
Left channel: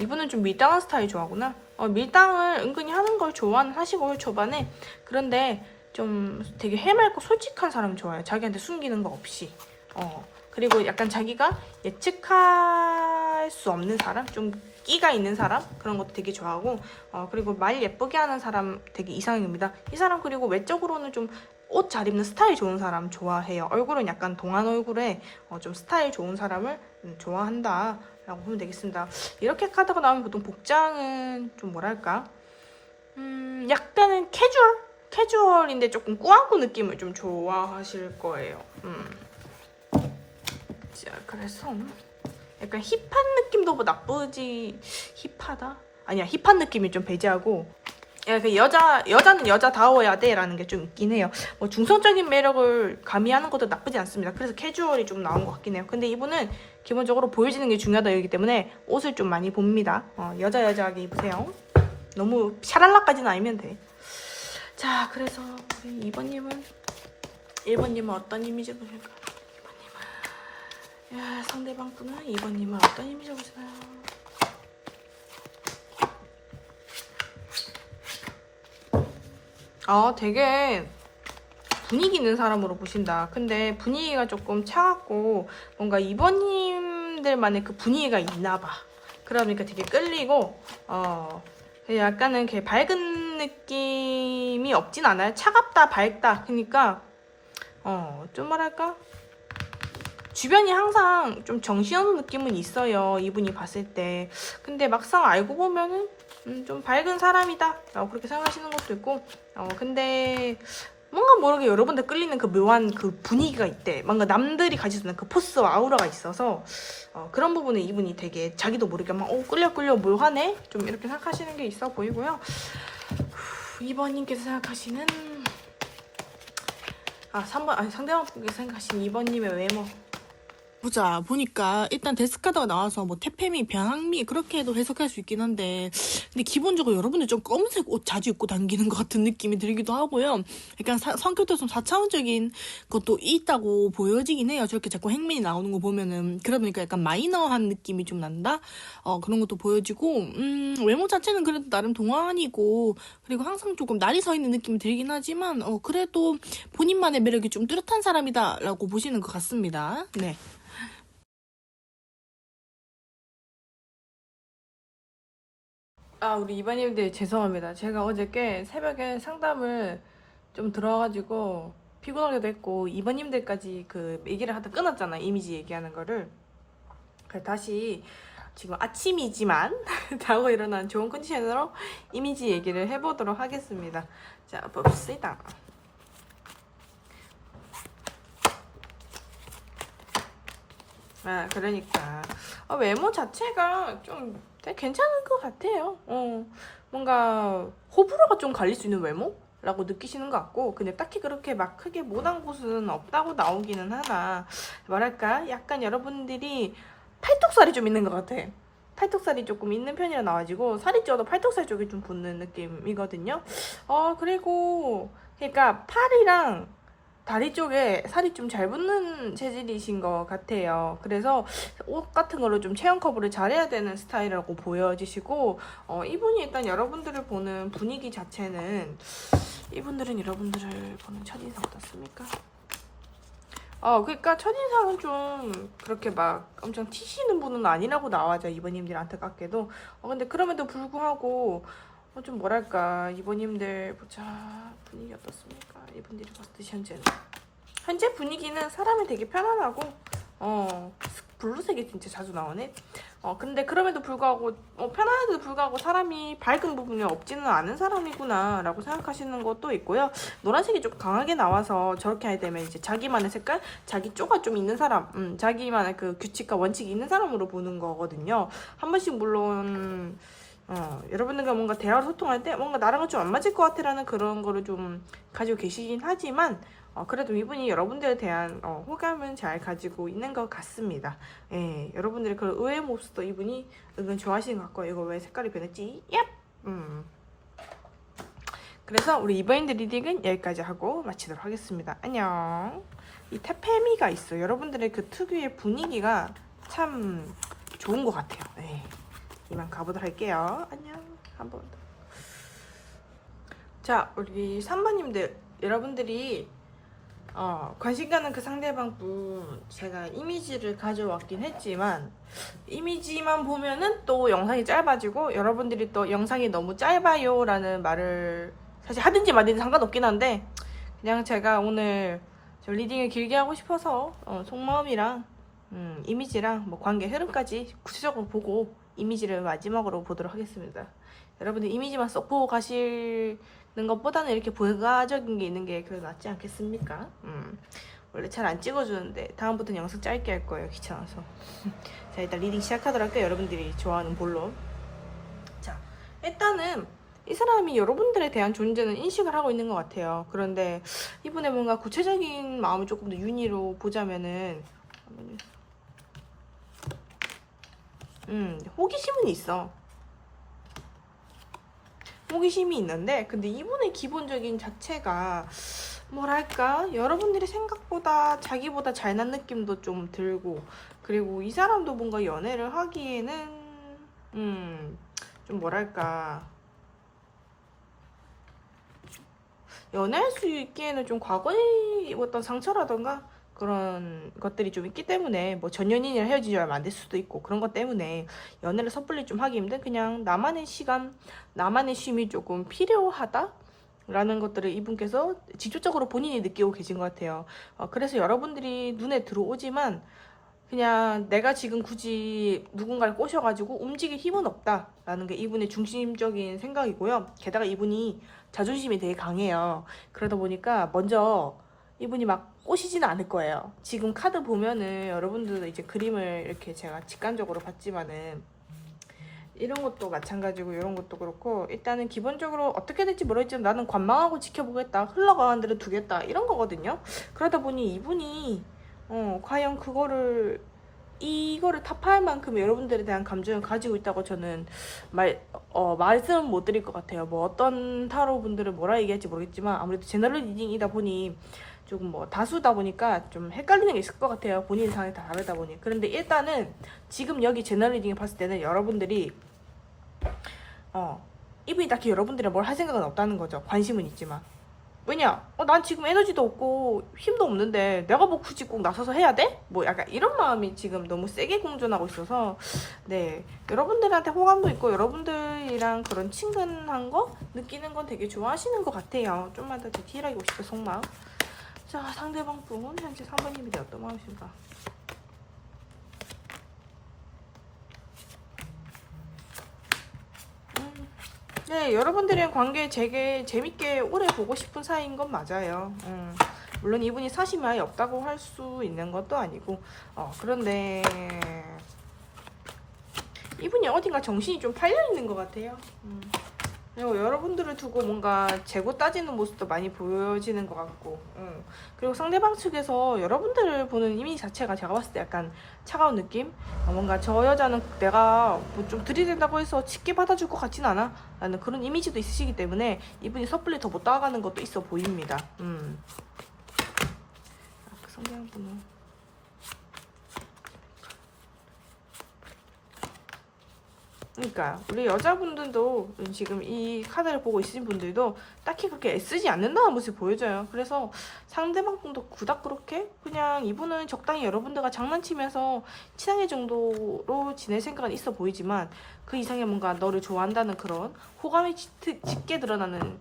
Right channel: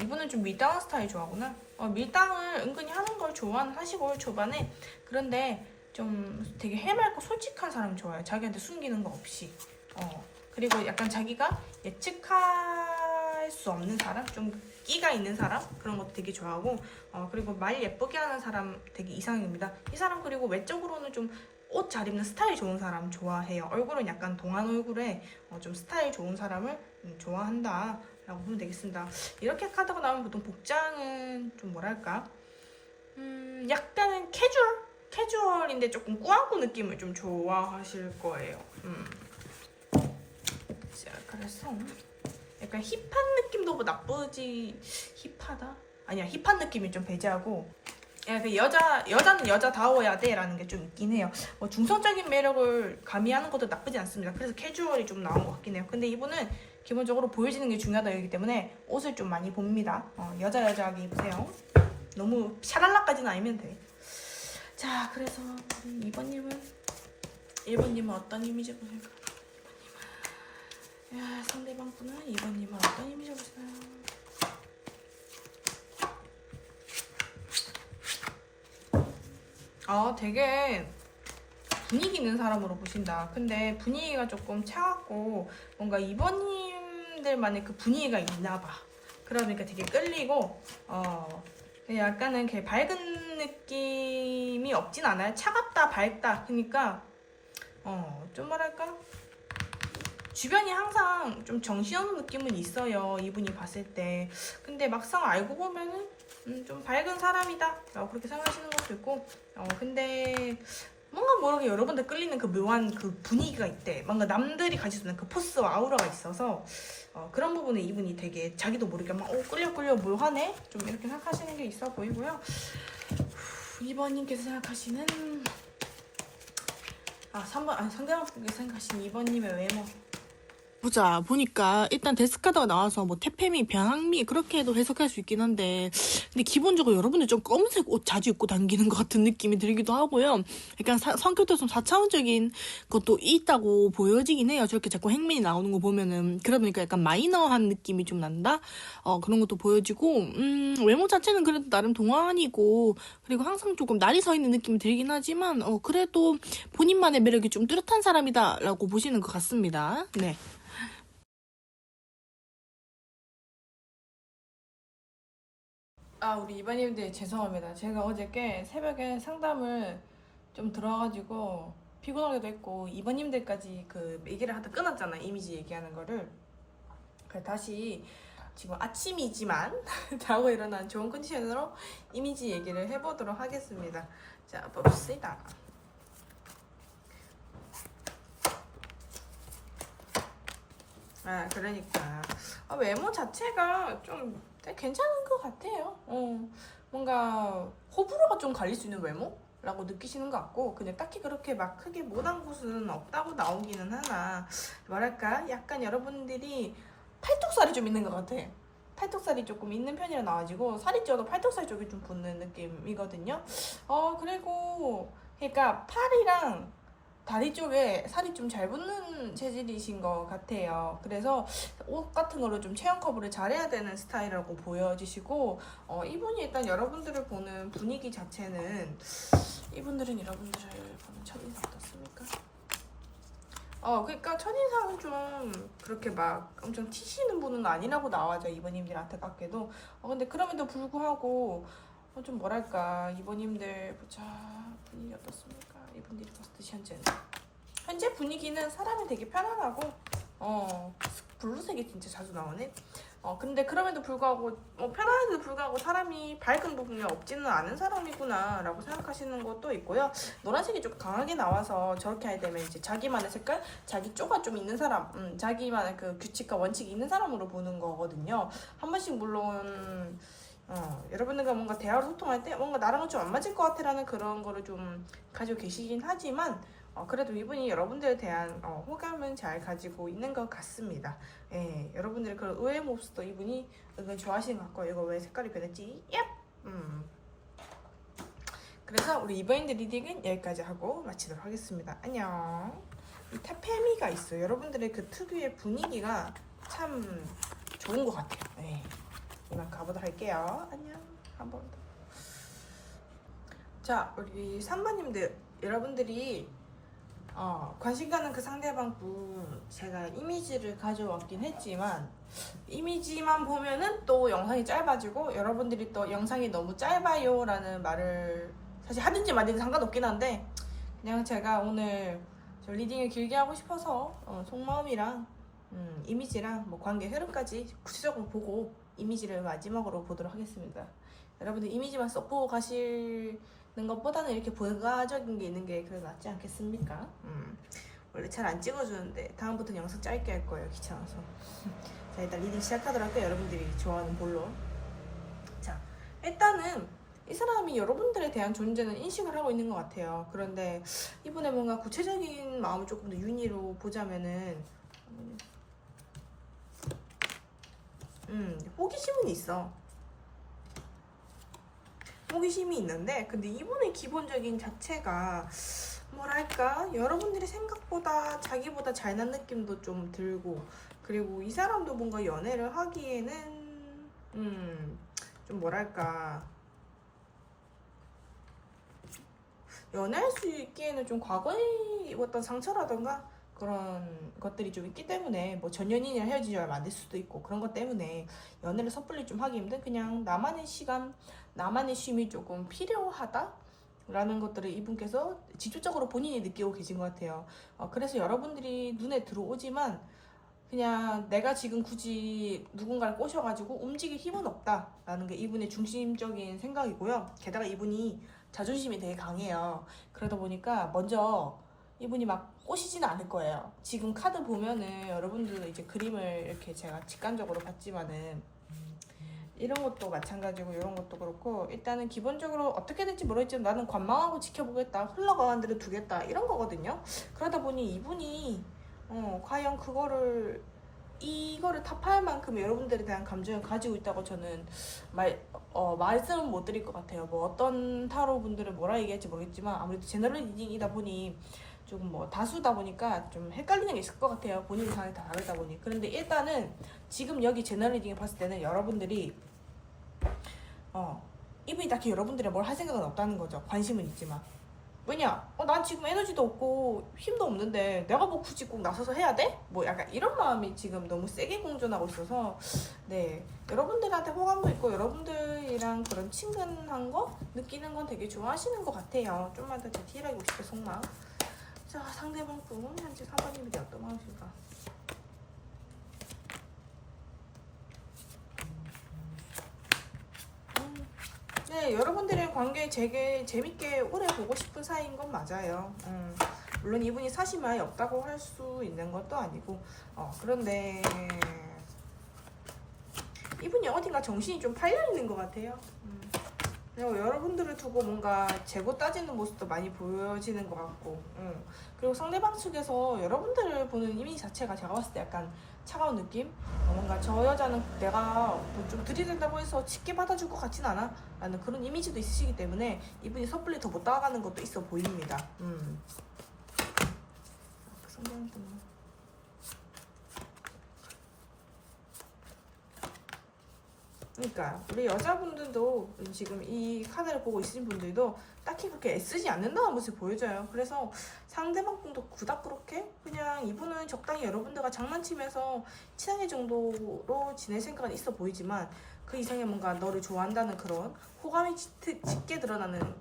이분은 좀 밀당한 스타일 좋아하구나. 밀당을 은근히 하는 걸 좋아하시고 초반에. 그런데 좀 되게 해맑고 솔직한 사람 좋아해요. 자기한테 숨기는 거 없이. 그리고 약간 자기가 예측할 수 없는 사람, 좀 끼가 있는 사람 그런 것도 되게 좋아하고 그리고 말 예쁘게 하는 사람 되게 이상형입니다. 이 사람 그리고 외적으로는 좀 옷 잘 입는 스타일 좋은 사람 좋아해요. 얼굴은 약간 동안 얼굴에 좀 스타일 좋은 사람을 좋아한다 라고 보면 되겠습니다. 이렇게 카드가 나오면 보통 복장은 좀 뭐랄까 약간은 캐주얼인데 조금 꾸안꾸 느낌을 좀 좋아하실 거예요. 자, 그래서 약간 힙한 느낌도 뭐 나쁘지. 힙하다? 아니야, 힙한 느낌이 좀 배제하고 여자는 여자다워야 돼 라는 게 좀 있긴 해요. 뭐 중성적인 매력을 가미하는 것도 나쁘지 않습니다. 그래서 캐주얼이 좀 나온 것 같긴 해요. 근데 이분은 기본적으로 보여지는 게 중요하다기 때문에 옷을 좀 많이 봅니다. 여자하게 입으세요. 너무 샤랄라까지는 아니면 돼. 자, 그래서 1번님은 어떤 이미지 보실까요? 2번님은 상대방 분은 2번님은 어떤 이미지 보시나요? 되게 분위기 있는 사람으로 보신다. 근데 분위기가 조금 차갑고 뭔가 이번님들만의 그 분위기가 있나 봐. 그러니까 되게 끌리고 약간은 이렇게 밝은 느낌이 없진 않아요. 차갑다, 밝다. 그러니까 좀 뭐랄까? 주변이 항상 좀 정신없는 느낌은 있어요. 이분이 봤을 때. 근데 막상 알고 보면은 좀 밝은 사람이다 라고 그렇게 생각하시는 것도 있고 근데 뭔가 모르게 여러분들 끌리는 그 묘한 그 분위기가 있대. 뭔가 남들이 가지고 있는 그 포스와 아우라가 있어서 그런 부분에 이분이 되게 자기도 모르게 막 끌려 묘하네? 좀 이렇게 생각하시는 게 있어 보이고요. 2번님께서 생각하시는 3번 상대방분께서 생각하시는 2번님의 외모 보자 보니까 일단 데스카드가 나와서 뭐 태페미, 변항미 그렇게 해도 해석할 수 있긴 한데 근데 기본적으로 여러분들 좀 검은색 옷 자주 입고 다니는 것 같은 느낌이 들기도 하고요. 약간 성격도 좀 4차원적인 것도 있다고 보여지긴 해요. 저렇게 자꾸 행맨이 나오는 거 보면은 그러다 보니까 약간 마이너한 느낌이 좀 난다. 그런 것도 보여지고 외모 자체는 그래도 나름 동안이고 그리고 항상 조금 날이 서 있는 느낌이 들긴 하지만 그래도 본인만의 매력이 좀 뚜렷한 사람이다라고 보시는 것 같습니다. 네. 우리 이반님들 죄송합니다. 제가 어저께 새벽에 상담을 좀 들어가지고 피곤하기도 했고 이반님들까지 그 얘기를 하다 끊었잖아. 이미지 얘기하는 거를. 그래서 다시 지금 아침이지만 자고 일어난 좋은 컨디션으로 이미지 얘기를 해보도록 하겠습니다. 자, 봅시다. 그러니까 외모 자체가 좀 되게 괜찮은 것 같아요. 뭔가 호불호가 좀 갈릴 수 있는 외모라고 느끼시는 것 같고 근데 딱히 그렇게 막 크게 못한 곳은 없다고 나오기는 하나 뭐랄까 약간 여러분들이 팔뚝살이 좀 있는 것 같아. 팔뚝살이 조금 있는 편이라 나와가지고 살이 쪄도 팔뚝살 쪽이 좀 붙는 느낌이거든요. 그리고 그러니까 팔이랑 다리 쪽에 살이 좀 잘 붙는 체질이신 것 같아요. 그래서 옷 같은 걸로 좀 체형 커버를 잘해야 되는 스타일이라고 보여지시고 이분이 일단 여러분들을 보는 분위기 자체는 이분들은 여러분들을 보는 첫인상 어떻습니까? 그러니까 첫인상은 좀 그렇게 막 엄청 튀시는 분은 아니라고 나와죠. 이번님들 안타깝게도. 근데 그럼에도 불구하고 좀 뭐랄까 이번님들 보자 분위기 어떻습니까? 이분들이 봤을 때 현재 분위기는 사람이 되게 편안하고 블루색이 진짜 자주 나오네. 근데 그럼에도 불구하고 편안한데도 불구하고 사람이 밝은 부분이 없지는 않은 사람이구나 라고 생각하시는 것도 있고요. 노란색이 좀 강하게 나와서 저렇게 하게 되면 이제 자기만의 색깔, 자기 쪼가 좀 있는 사람, 자기만의 그 규칙과 원칙이 있는 사람으로 보는 거거든요. 한 번씩 물론 여러분들과 뭔가 대화를 소통할 때 뭔가 나랑은 좀 안 맞을 것 같아라는 그런 거를 좀 가지고 계시긴 하지만 그래도 이분이 여러분들에 대한 호감은 잘 가지고 있는 것 같습니다. 예, 여러분들의 그 의외의 모습도 이분이 은근 좋아하시는 것 같고 이거 왜 색깔이 변했지? 얍! 그래서 우리 이번인드 리딩은 여기까지 하고 마치도록 하겠습니다. 안녕. 이 태페미가 있어. 여러분들의 그 특유의 분위기가 참 좋은 것 같아요. 네. 이만 가보도록 할게요. 안녕. 한번. 자, 우리 3번님들 여러분들이 관심 가는 그 상대방 분 제가 이미지를 가져왔긴 했지만 이미지만 보면은 또 영상이 짧아지고 여러분들이 또 영상이 너무 짧아요 라는 말을 사실 하든지 말든지 상관없긴 한데 그냥 제가 오늘 저 리딩을 길게 하고 싶어서 속마음이랑 이미지랑 뭐 관계 흐름까지 구체적으로 보고 이미지를 마지막으로 보도록 하겠습니다. 여러분들 이미지만 쏙 보고 가시는 것보다는 이렇게 부가적인 게 있는 게 그래도 낫지 않겠습니까? 원래 잘 안 찍어주는데 다음부터는 영상 짧게 할 거예요. 귀찮아서. 자, 일단 리딩 시작하도록 할게요. 여러분들이 좋아하는 볼로. 자, 일단은 이 사람이 여러분들에 대한 존재는 인식을 하고 있는 것 같아요. 그런데 이분의 뭔가 구체적인 마음을 조금 더 윤희로 보자면은 호기심은 있어. 호기심이 있는데 근데 이분의 기본적인 자체가 뭐랄까 여러분들이 생각보다 자기보다 잘난 느낌도 좀 들고 그리고 이 사람도 뭔가 연애를 하기에는 좀 뭐랄까 연애할 수 있기에는 좀 과거에 입었던 상처라던가 그런 것들이 좀 있기 때문에 뭐 전 연인이랑 헤어진 지 얼마 안 됐을 수도 있고 그런 것 때문에 연애를 섣불리 좀 하기 힘든 그냥 나만의 시간, 나만의 쉼이 조금 필요하다? 라는 것들을 이분께서 직접적으로 본인이 느끼고 계신 것 같아요. 그래서 여러분들이 눈에 들어오지만 그냥 내가 지금 굳이 누군가를 꼬셔가지고 움직일 힘은 없다라는 게 이분의 중심적인 생각이고요. 게다가 이분이 자존심이 되게 강해요. 그러다 보니까 먼저 이분이 막 꼬시지는 않을 거예요. 지금 카드 보면은 여러분들도 이제 그림을 이렇게 제가 직관적으로 봤지만은 이런 것도 마찬가지고 이런 것도 그렇고 일단은 기본적으로 어떻게 될지 모르겠지만 나는 관망하고 지켜보겠다. 흘러가는 대로 두겠다. 이런 거거든요. 그러다 보니 이분이 과연 이거를 타파할 만큼 여러분들에 대한 감정을 가지고 있다고 저는 말씀 못 드릴 것 같아요. 뭐 어떤 타로 분들은 뭐라 얘기할지 모르겠지만 아무래도 제너럴 리딩이다 보니 조금 뭐 다수다 보니까 좀 헷갈리는 게 있을 것 같아요. 본인 상황이 다 다르다 보니. 그런데 일단은 지금 여기 제너럴 리딩을 봤을 때는 여러분들이 이분이 딱히 여러분들이 뭘 할 생각은 없다는 거죠. 관심은 있지만. 왜냐? 난 지금 에너지도 없고 힘도 없는데 내가 뭐 굳이 꼭 나서서 해야 돼? 뭐 약간 이런 마음이 지금 너무 세게 공존하고 있어서 네 여러분들한테 호감도 있고 여러분들이랑 그런 친근한 거 느끼는 건 되게 좋아하시는 것 같아요. 좀만 더 디테일하게 보실게요. 속마음. 자 상대방 분 현재 사모님이 어떤 마음이실까? 네, 여러분들의 관계 되게 재밌게 오래 보고 싶은 사이인 건 맞아요. 물론 이분이 사심이 아예 없다고 할 수 있는 것도 아니고, 그런데 이분이 어딘가 정신이 좀 팔려 있는 것 같아요. 그리고 여러분들을 두고 뭔가 재고 따지는 모습도 많이 보여지는 것 같고, 그리고 상대방 측에서 여러분들을 보는 이미지 자체가 제가 봤을 때 약간 차가운 느낌? 뭔가 저 여자는 내가 뭐 좀 들이댄다고 해서 쉽게 받아줄 것 같진 않아? 라는 그런 이미지도 있으시기 때문에 이분이 섣불리 더 못 다가가는 것도 있어 보입니다. 그 상대방 분은 그러니까 우리 여자분들도 지금 이 카드를 보고 있으신 분들도 딱히 그렇게 애쓰지 않는다는 모습을 보여줘요. 그래서 상대방 분도 그닥 그렇게 그냥 이분은 적당히 여러분들과 장난치면서 친하게 정도로 지낼 생각은 있어 보이지만 그 이상의 뭔가 너를 좋아한다는 그런 호감이 짙게 드러나는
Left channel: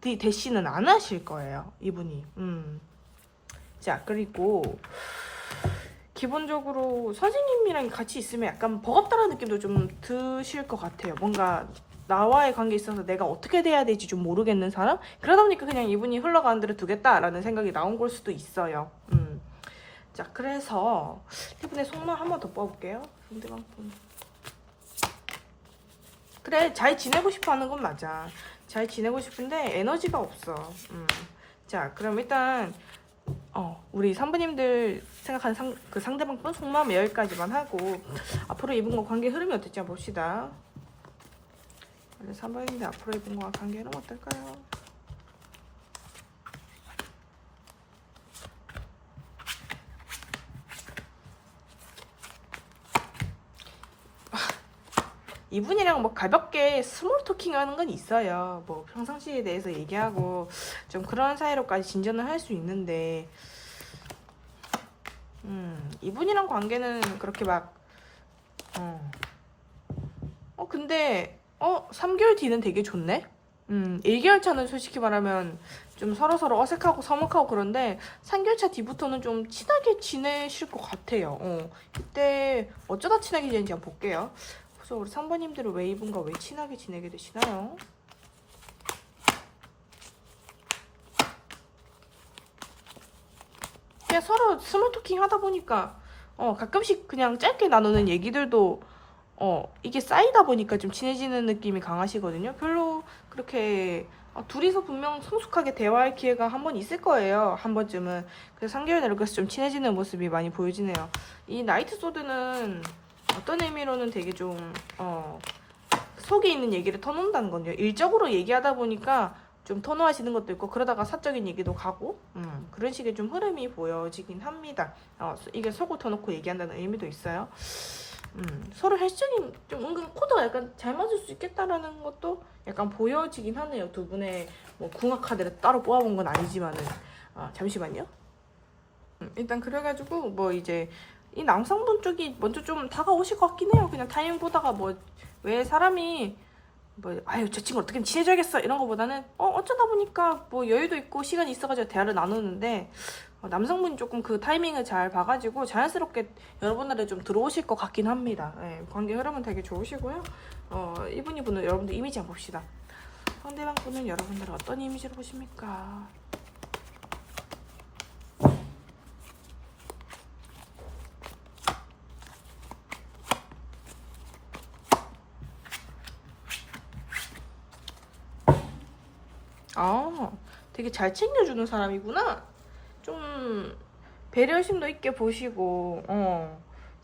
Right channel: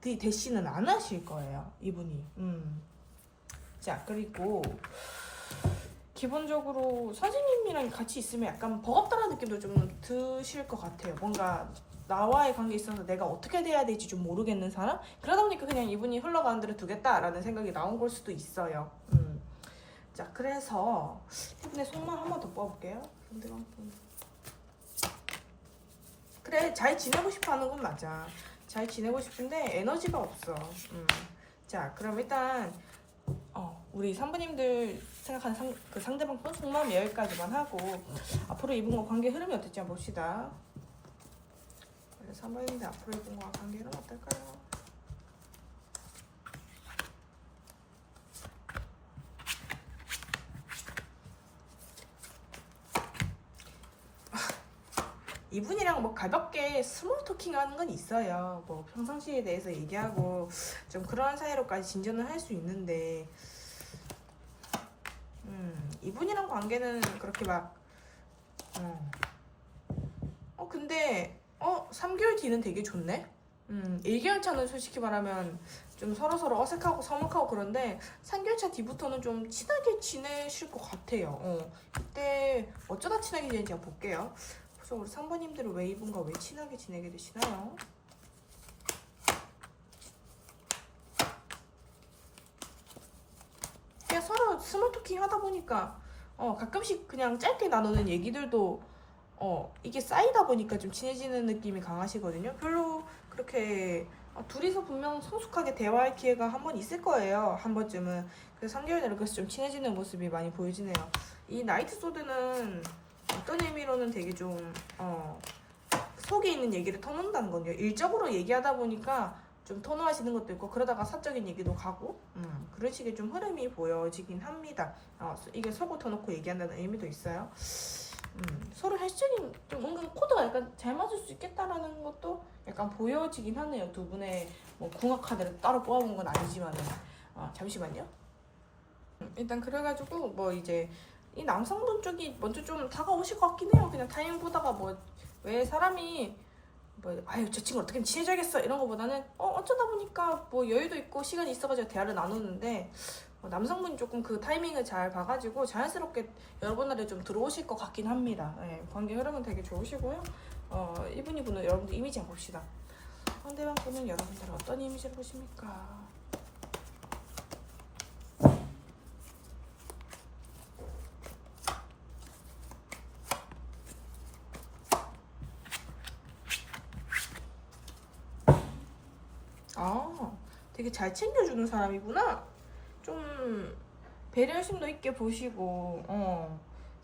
대시는 안 하실 거예요. 이분이. 자 그리고 기본적으로 선생님이랑 같이 있으면 약간 버겁다는 느낌도 좀 드실 것 같아요. 뭔가 나와의 관계에 있어서 내가 어떻게 돼야 될지 좀 모르겠는 사람? 그러다 보니까 그냥 이분이 흘러가는 대로 두겠다라는 생각이 나온 걸 수도 있어요. 자, 그래서 이분의 속마음 한 번 더 뽑아볼게요. 상대방 분. 그래, 잘 지내고 싶어 하는 건 맞아. 잘 지내고 싶은데 에너지가 없어. 자, 그럼 일단 우리 산부님들 생각하는 그 상대방 분 속마음 여기까지만 하고 앞으로 이분과 관계 흐름이 어떨지 한번 봅시다. 산부님들 앞으로 이분과 관계 흐름 어떨까요? 이분이랑 뭐 가볍게 스몰 토킹 하는 건 있어요. 뭐 평상시에 대해서 얘기하고 좀 그런 사이로까지 진전을 할 수 있는데 이분이랑 관계는 그렇게 막 근데 3개월 뒤는 되게 좋네? 1개월 차는 솔직히 말하면 좀 서로서로 어색하고 서먹하고 그런데 3개월 차 뒤부터는 좀 친하게 지내실 것 같아요. 이때 어쩌다 친하게 지내는지 한번 볼게요. 그래서 우리 3번님들은 왜 이분과 왜 친하게 지내게 되시나요? 그냥 서로 스몰 토킹 하다 보니까 가끔씩 그냥 짧게 나누는 얘기들도 이게 쌓이다 보니까 좀 친해지는 느낌이 강하시거든요. 별로 그렇게 둘이서 분명 성숙하게 대화할 기회가 한 번 있을 거예요. 한 번쯤은. 그래서 3개월 내로 그래서 좀 친해지는 모습이 많이 보여지네요. 이 나이트 소드는 어떤 의미로는 되게 좀 속에 있는 얘기를 터놓는다는 건요. 일적으로 얘기하다 보니까 좀 터놓으시는 것도 있고 그러다가 사적인 얘기도 가고 그런 식의 좀 흐름이 보여지긴 합니다. 이게 속을 터놓고 얘기한다는 의미도 있어요. 서로 헬스적인 좀 은근 코드가 약간 잘 맞을 수 있겠다라는 것도 약간 보여지긴 하네요. 두 분의 뭐 궁합 카드를 따로 뽑아본 건 아니지만은. 잠시만요. 일단 그래가지고 뭐 이제 이 남성분 쪽이 먼저 좀 다가오실 것 같긴 해요. 그냥 타이밍 보다가 뭐 왜 사람이 뭐 아유 저 친구 어떻게 친해져야겠어 이런 거보다는 어쩌다 보니까 뭐 여유도 있고 시간이 있어가지고 대화를 나누는데 남성분이 조금 그 타이밍을 잘 봐가지고 자연스럽게 여러분들에 좀 들어오실 것 같긴 합니다. 네, 관계 흐름은 되게 좋으시고요. 이분은 여러분들 이미지 한번 봅시다. 상대방 분은 여러분들 어떤 이미지를 보십니까? 되게 잘 챙겨주는 사람이구나. 좀 배려심도 있게 보시고,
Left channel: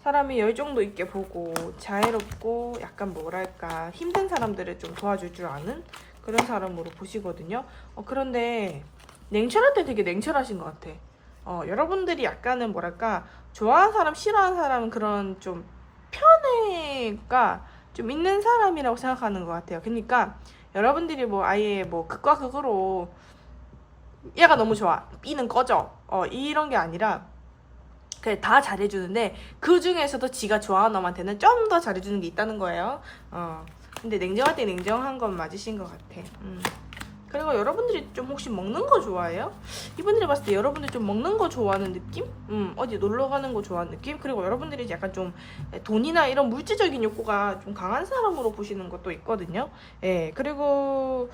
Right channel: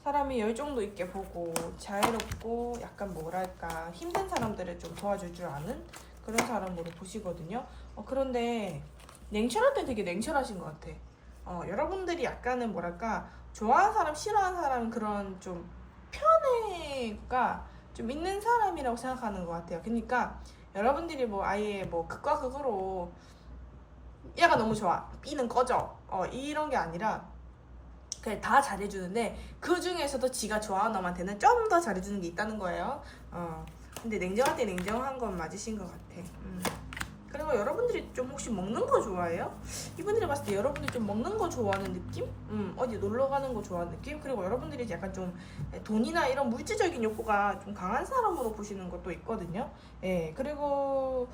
사람이 열정도 있게 보고, 자애롭고, 약간 뭐랄까, 힘든 사람들을 좀 도와줄 줄 아는 그런 사람으로 보시거든요. 그런데 냉철할 때 되게 냉철하신 것 같아. 여러분들이 약간은 뭐랄까, 좋아하는 사람, 싫어하는 사람은 그런 좀 편애가 좀 있는 사람이라고 생각하는 것 같아요. 그러니까 여러분들이 뭐 아예 뭐 극과 극으로 얘가 너무 좋아, B는 꺼져, 이런 게 아니라 그냥 다 잘해주는데 그 중에서도 지가 좋아하는 놈한테는 좀 더 잘해주는 게 있다는 거예요. 근데 냉정할 때 냉정한 건 맞으신 것 같아. 그리고 여러분들이 좀 혹시 먹는 거 좋아해요? 이분들이 봤을 때 여러분들 좀 먹는 거 좋아하는 느낌? 어디 놀러 가는 거 좋아하는 느낌? 그리고 여러분들이 약간 좀 돈이나 이런 물질적인 욕구가 좀 강한 사람으로 보시는 것도 있거든요. 예, 그리고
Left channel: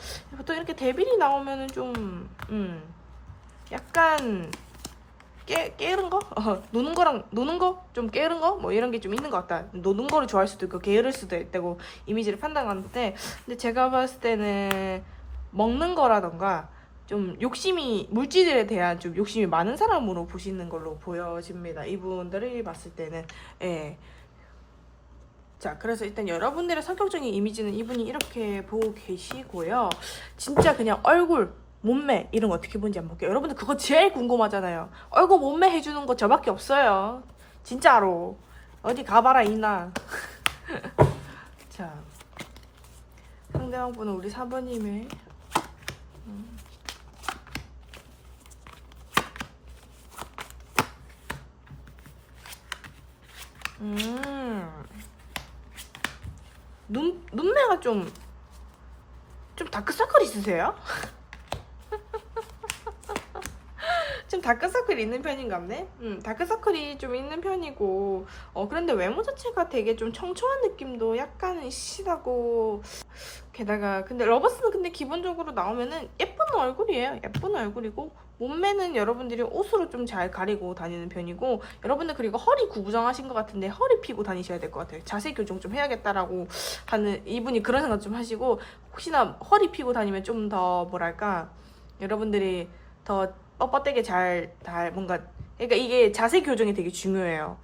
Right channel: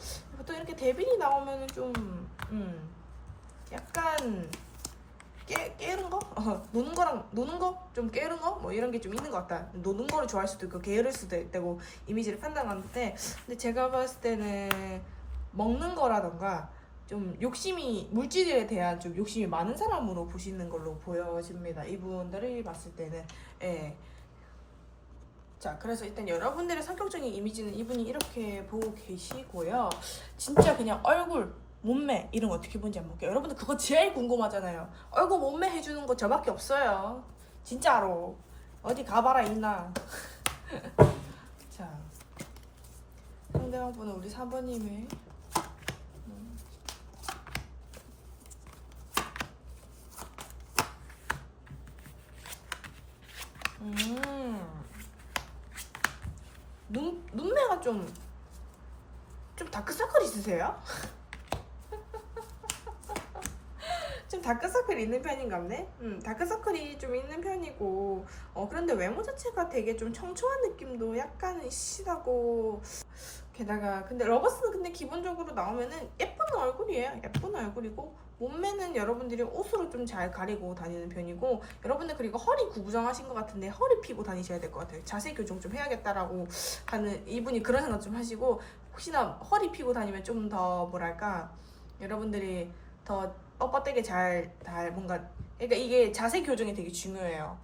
또 이렇게 데빌이 나오면은 좀, 약간 깨는 거? 노는 거? 좀 깨는 거? 뭐 이런 게 좀 있는 것 같다. 노는 거를 좋아할 수도 있고, 게으를 수도 있다고 이미지를 판단하는데, 근데 제가 봤을 때는 먹는 거라던가 좀 욕심이 물질에 대한 좀 욕심이 많은 사람으로 보시는 걸로 보여집니다. 이분들을 봤을 때는. 예. 자, 그래서 일단 여러분들의 성격적인 이미지는 이분이 이렇게 보고 계시고요. 진짜 그냥 얼굴, 몸매 이런 거 어떻게 보는지 한번 볼게요. 여러분들 그거 제일 궁금하잖아요. 얼굴 몸매 해주는 거 저밖에 없어요. 진짜로. 어디 가봐라 이나. 자, 상대방분은 우리 사부님의 눈매가 좀 다크서클 있으세요? 좀 다크서클이 있는 편인가 보네? 다크서클이 좀 있는 편이고, 그런데 외모 자체가 되게 좀 청초한 느낌도 약간은 시시하고, 게다가, 근데 러버스는 근데 기본적으로 나오면은 예쁜 얼굴이에요. 예쁜 얼굴이고, 몸매는 여러분들이 옷으로 좀 잘 가리고 다니는 편이고, 여러분들 그리고 허리 구부정하신 것 같은데 허리 피고 다니셔야 될 것 같아요. 자세 교정 좀 해야겠다라고 하는, 이분이 그런 생각 좀 하시고, 혹시나 허리 피고 다니면 좀 더 뭐랄까, 여러분들이 더 뻣뻣하게 뭔가, 그러니까 이게 자세 교정이 되게 중요해요.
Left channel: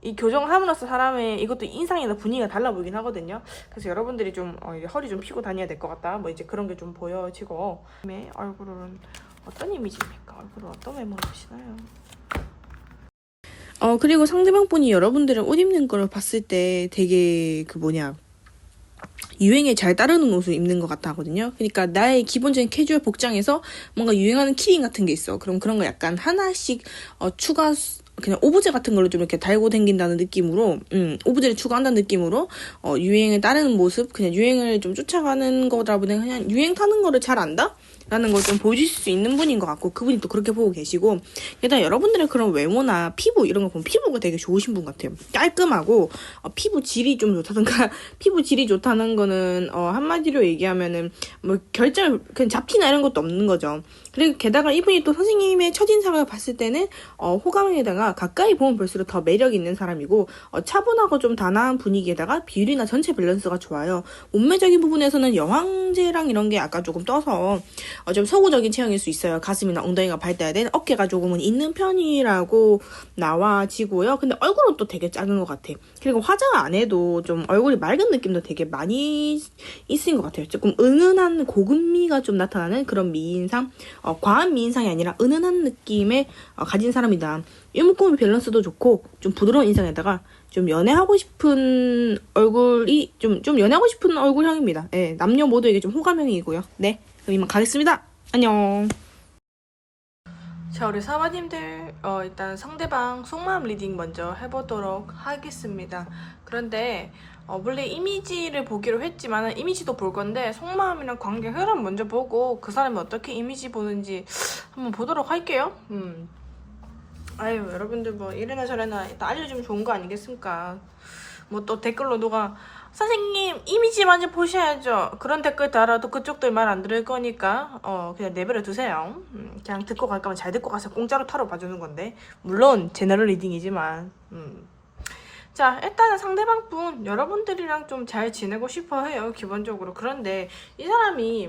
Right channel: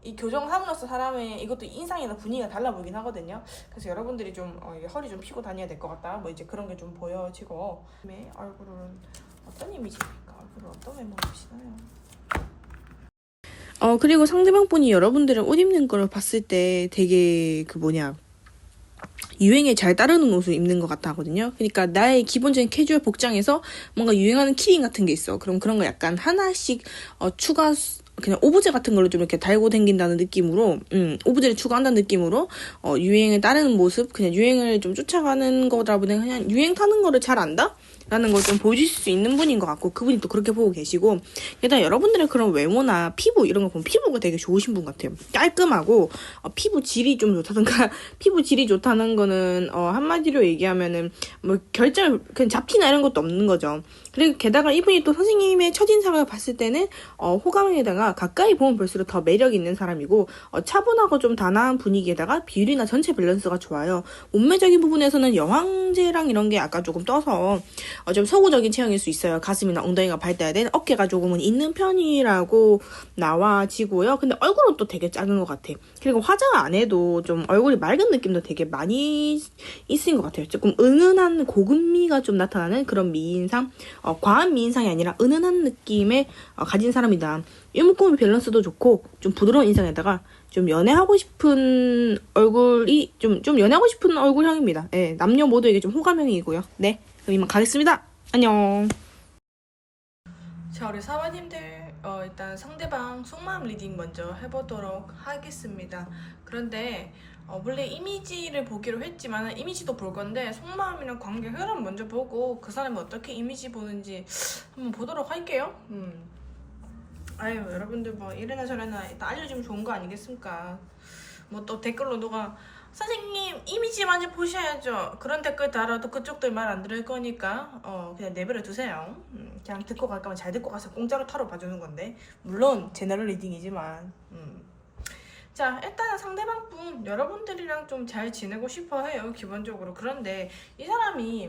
이 교정함으로써 사람의 이것도 인상이나 분위기가 달라 보이긴 하거든요. 그래서 여러분들이 좀 허리 좀 펴고 다녀야 될 것 같다. 뭐 이제 그런 게 좀 보여지고. 얼굴은 어떤 이미지입니까? 얼굴은 어떤 외모로 보시나요? 그리고 상대방 분이 여러분들은 옷 입는 걸 봤을 때 되게 유행에 잘 따르는 옷을 입는 것 같아 하거든요. 그러니까 나의 기본적인 캐주얼 복장에서 뭔가 유행하는 키링 같은 게 있어. 그럼 그런 거 약간 하나씩 추가, 그냥 오브제 같은 걸로 좀 이렇게 달고 다닌다는 느낌으로, 오브제를 추가한다는 느낌으로, 유행에 따르는 모습, 그냥 유행을 좀 쫓아가는 거다 보니 그냥 유행 타는 거를 잘 안다? 라는 걸 좀 보여주실 수 있는 분인 것 같고, 그분이 또 그렇게 보고 계시고, 게다가 여러분들의 그런 외모나 피부 이런 거 보면 피부가 되게 좋으신 분 같아요. 깔끔하고 피부 질이 좀 좋다던가 피부 질이 좋다는 거는 한마디로 얘기하면은 뭐 결절 그냥 잡티나 이런 것도 없는 거죠. 그리고 게다가 이분이 또 선생님의 첫인상을 봤을 때는 호감에다가 가까이 보면 볼수록 더 매력 있는 사람이고, 차분하고 좀 단아한 분위기에다가 비율이나 전체 밸런스가 좋아요. 몸매적인 부분에서는 여왕제랑 이런 게 약간 조금 떠서 좀 서구적인 체형일 수 있어요. 가슴이나 엉덩이가 밝다야 되는 어깨가 조금은 있는 편이라고 나와지고요. 근데 얼굴은 또 되게 작은 것 같아. 그리고 화장 안 해도 좀 얼굴이 맑은 느낌도 되게 많이 있은 것 같아요. 조금 은은한 고급미가 좀 나타나는 그런 미인상, 과한 미인상이 아니라 은은한 느낌의 가진 사람이다. 이목구비 밸런스도 좋고 좀 부드러운 인상에다가 좀 연애하고 싶은 얼굴이 좀 연애하고 싶은 얼굴형입니다. 네, 남녀 모두에게 좀 호감형이고요. 네, 그럼 이만 가겠습니다. 안녕. 자, 우리 사모님들 일단 상대방 속마음 리딩 먼저 해보도록 하겠습니다. 그런데 물론 이미지를 보기로 했지만 이미지도 볼 건데 속마음이랑 관계 흐름 먼저 보고 그 사람이 어떻게 이미지 보는지 한번 보도록 할게요. 아유, 여러분들 뭐 이래나 저래나 일단 알려주면 좋은 거 아니겠습니까? 뭐 또 댓글로 누가 선생님 이미지 먼저 보셔야죠 그런 댓글 달아도 그쪽들 말 안 들을 거니까 그냥 내버려 두세요. 그냥 듣고 갈 거면 잘 듣고 가서 공짜로 타로 봐주는 건데 물론 제너럴 리딩이지만 자, 일단은 상대방 분 여러분들이랑 좀 잘 지내고 싶어 해요, 기본적으로. 그런데 이 사람이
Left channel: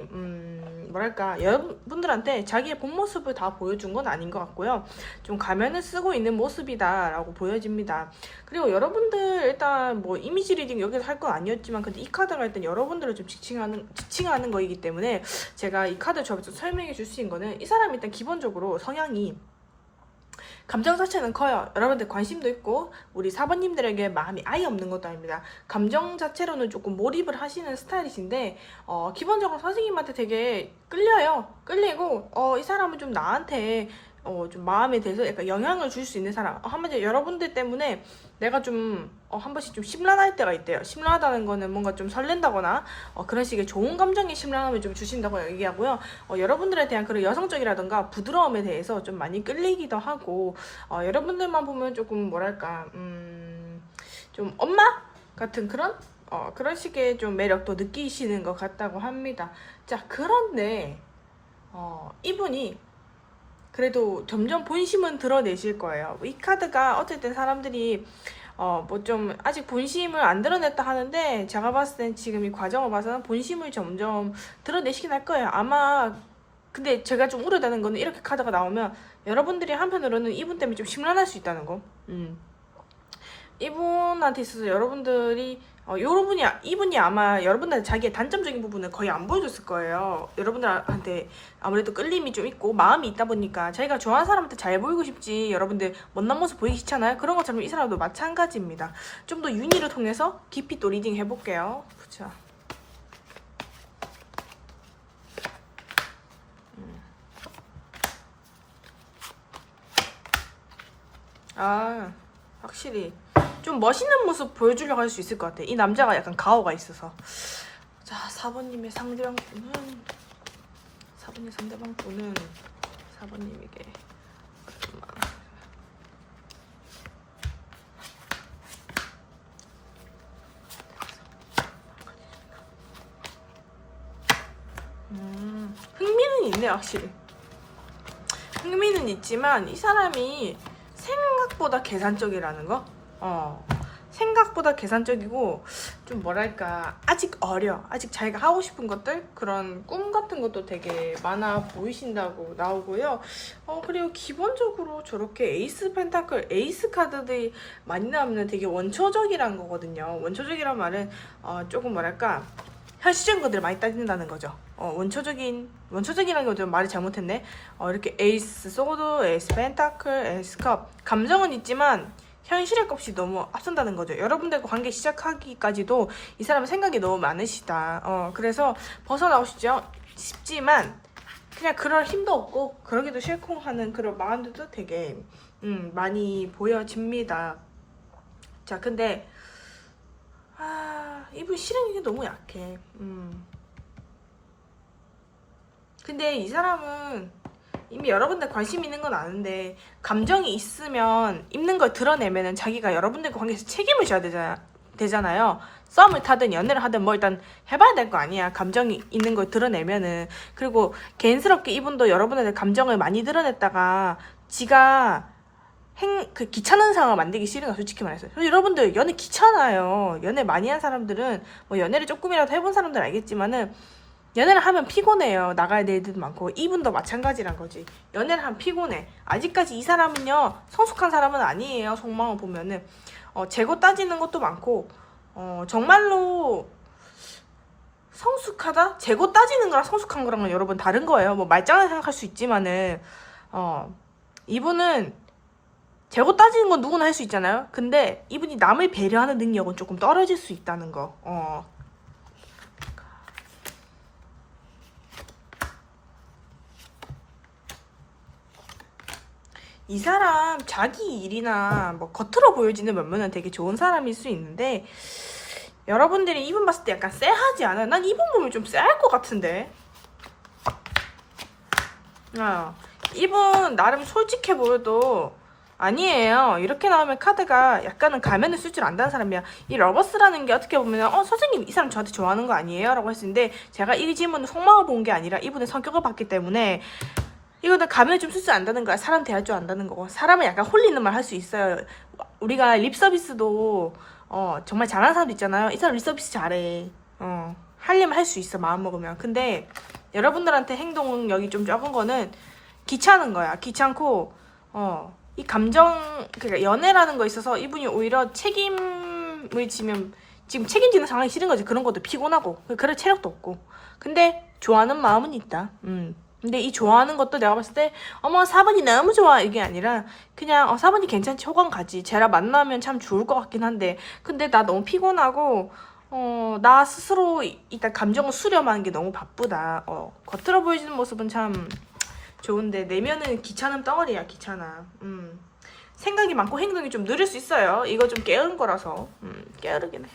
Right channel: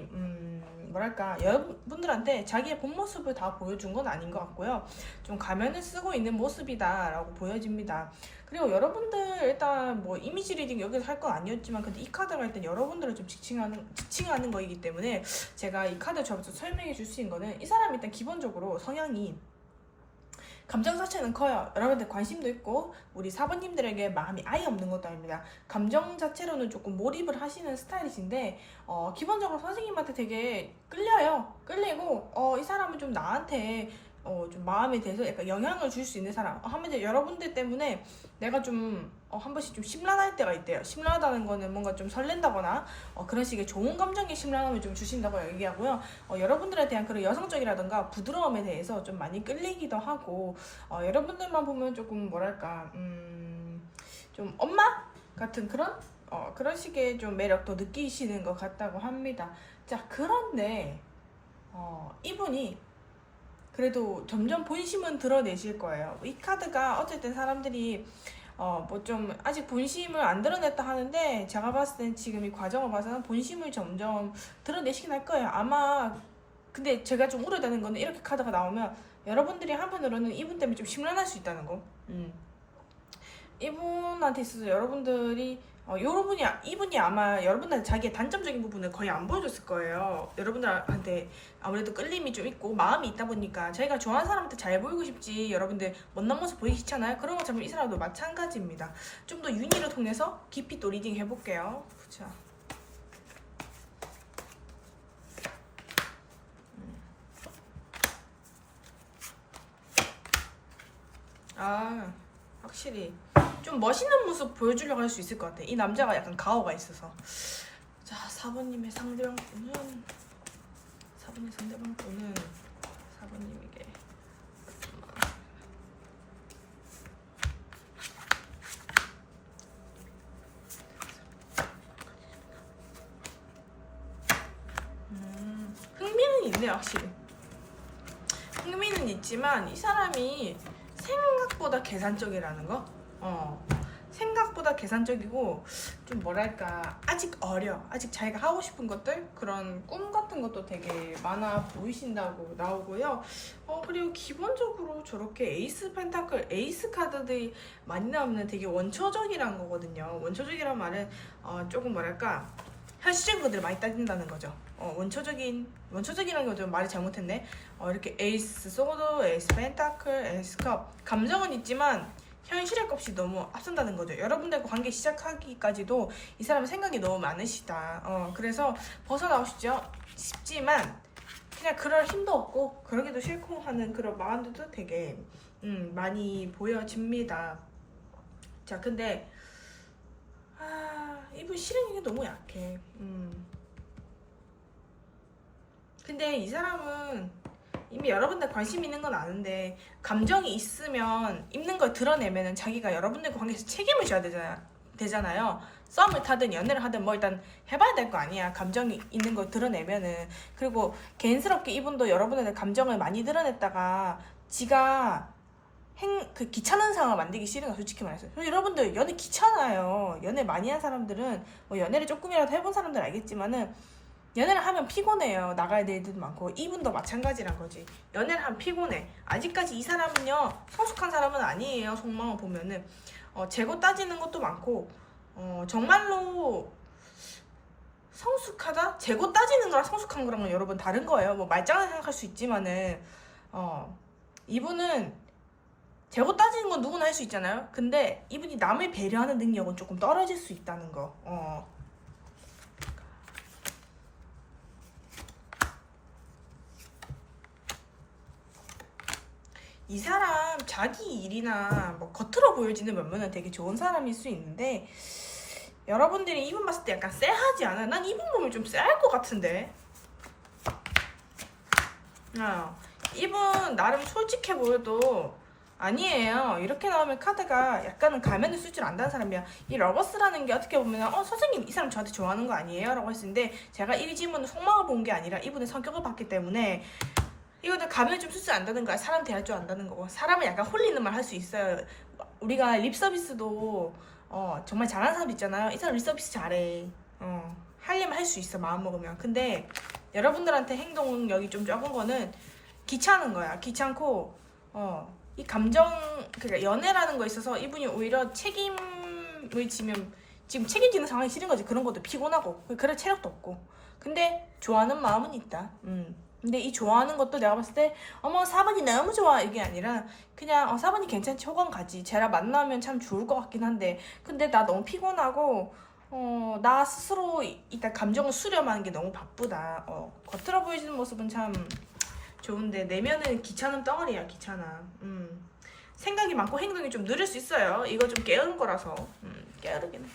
뭐랄까 여러분들한테 자기의 본 모습을 다 보여준 건 아닌 것 같고요. 좀 가면을 쓰고 있는 모습이다 라고 보여집니다. 그리고 여러분들 일단 뭐 이미지 리딩 여기서 할 건 아니었지만 근데 이 카드가 일단 여러분들을 좀 지칭하는 거이기 때문에 제가 이 카드 저부터 설명해 줄 수 있는 거는 이 사람이 일단 기본적으로 성향이 감정 자체는 커요. 여러분들 관심도 있고 우리 사번님들에게 마음이 아예 없는 것도 아닙니다. 감정 자체로는 조금 몰입을 하시는 스타일이신데 기본적으로 선생님한테 되게 끌리고 이 사람은 좀 나한테 좀 마음에 대해서 약간 영향을 줄 수 있는 사람. 한마디로 여러분들 때문에 내가 좀 한 번씩 좀 심란할 때가 있대요. 심란하다는 거는 뭔가 좀 설렌다거나 그런 식의 좋은 감정의 심란함을 좀 주신다고 얘기하고요. 여러분들에 대한 그런 여성적이라던가 부드러움에 대해서 좀 많이 끌리기도 하고 여러분들만 보면 조금 뭐랄까 좀 엄마 같은 그런 식의 좀 매력도 느끼시는 것 같다고 합니다. 자, 그런데 이분이 그래도 점점 본심은 드러내실 거예요. 이 카드가 어쨌든 사람들이 뭐 좀 아직 본심을 안 드러냈다 하는데 제가 봤을 땐 지금 이 과정을 봐서는 본심을 점점 드러내시긴 할 거예요. 아마 근데 제가 좀 우려되는 거는 이렇게 카드가 나오면 여러분들이 한편으로는 이분 때문에 좀 심란할 수 있다는 거. 이분한테 있어서 여러분들이 이분이 아마 여러분들한테 자기의 단점적인 부분을 거의 안 보여줬을 거예요. 여러분들한테 아무래도 끌림이 좀 있고 마음이 있다 보니까 자기가 좋아하는 사람한테 잘 보이고 싶지 여러분들 못난 모습 보이기 싫잖아요. 그런 것처럼 이 사람도 마찬가지입니다. 좀 더 윤희를 통해서 깊이 또 리딩 해볼게요. 그쵸. 확실히 좀 멋있는 모습 보여주려고 할 수 있을 것 같아. 이 남자가 약간 가오가 있어서. 자, 4번님의 상대방 분은 4번님에게 흥미는 있네. 확실히 흥미는 있지만 이 사람이 생각보다 계산적이라는 거? 생각보다 계산적이고 좀 뭐랄까 아직 어려. 아직 자기가 하고 싶은 것들 그런 꿈 같은 것도 되게 많아 보이신다고 나오고요. 그리고 기본적으로 저렇게 에이스 펜타클, 에이스 카드들이 많이 나오면 되게 원초적이란 거거든요. 원초적이란 말은 조금 뭐랄까 현실적인 것들을 많이 따진다는 거죠. 원초적이라는 거 좀 말이 잘못했네. 이렇게 에이스 소드, 에이스 펜타클, 에이스 컵 감정은 있지만 현실의 값이 너무 앞선다는 거죠. 여러분들과 관계 시작하기까지도 이 사람은 생각이 너무 많으시다. 그래서 벗어나고 싶지만 그냥 그럴 힘도 없고 그러기도 싫고 하는 그런 마음들도 되게 많이 보여집니다. 자, 근데 이분 실행력이 너무 약해. 근데 이 사람은 이미 여러분들 관심 있는 건 아는데 감정이 있으면 있는 걸 드러내면은 자기가 여러분들과 관계에서 책임을 져야 되잖아요. 썸을 타든 연애를 하든 뭐 일단 해봐야 될 거 아니야. 감정이 있는 걸 드러내면은. 그리고 개인스럽게 이분도 여러분한테 감정을 많이 드러냈다가 지가 그 귀찮은 상황을 만들기 싫은 거 솔직히 말해서. 여러분들 연애 귀찮아요. 연애 많이 한 사람들은 뭐 연애를 조금이라도 해본 사람들 알겠지만은 연애를 하면 피곤해요. 나가야 될 일도 많고. 이분도 마찬가지란 거지. 연애를 하면 피곤해. 아직까지 이 사람은요, 성숙한 사람은 아니에요. 속마음을 보면은. 재고 따지는 것도 많고, 정말로 성숙하다? 재고 따지는 거랑 성숙한 거랑은 여러분 다른 거예요. 뭐 말짱하게 생각할 수 있지만은, 이분은 재고 따지는 건 누구나 할 수 있잖아요. 근데 이분이 남을 배려하는 능력은 조금 떨어질 수 있다는 거. 이 사람 자기 일이나 뭐 겉으로 보여지는 면면은 되게 좋은 사람일 수 있는데 여러분들이 이분 봤을 때 약간 쎄하지 않아요? 난 이분 보면 좀 쎄할 것 같은데. 이분 나름 솔직해 보여도 아니에요. 이렇게 나오면 카드가 약간은 가면을 쓸 줄 안다는 사람이야. 이 러버스라는 게 어떻게 보면 선생님 이 사람 저한테 좋아하는 거 아니에요? 라고 했는데 제가 이 질문은 속마음을 본 게 아니라 이분의 성격을 봤기 때문에 이거는 가면을 좀 쓸 줄 안다는 거야. 사람 대할 줄 안다는 거고. 사람은 약간 홀리는 말 할 수 있어요. 우리가 립 서비스도 정말 잘하는 사람도 있잖아요. 이 사람 립 서비스 잘해. 하려면 할 수 있어. 마음 먹으면. 근데 여러분들한테 행동력이 좀 적은 거는 귀찮은 거야. 귀찮고 이 감정 그러니까 연애라는 거 있어서 이분이 오히려 책임을 지면 지금 책임지는 상황이 싫은 거지. 그런 것도 피곤하고 그럴 체력도 없고. 근데 좋아하는 마음은 있다. 근데 이 좋아하는 것도 내가 봤을 때 어머 4번이 너무 좋아 이게 아니라 그냥 4번이 괜찮지 호감 가지 쟤랑 만나면 참 좋을 것 같긴 한데 근데 나 너무 피곤하고 나 스스로 일단 감정을 수렴하는 게 너무 바쁘다. 겉으로 보여지는 모습은 참 좋은데 내면은 귀찮은 덩어리야. 귀찮아. 생각이 많고 행동이 좀 느릴 수 있어요. 이거 좀 게으른 거라서 게으르긴 해.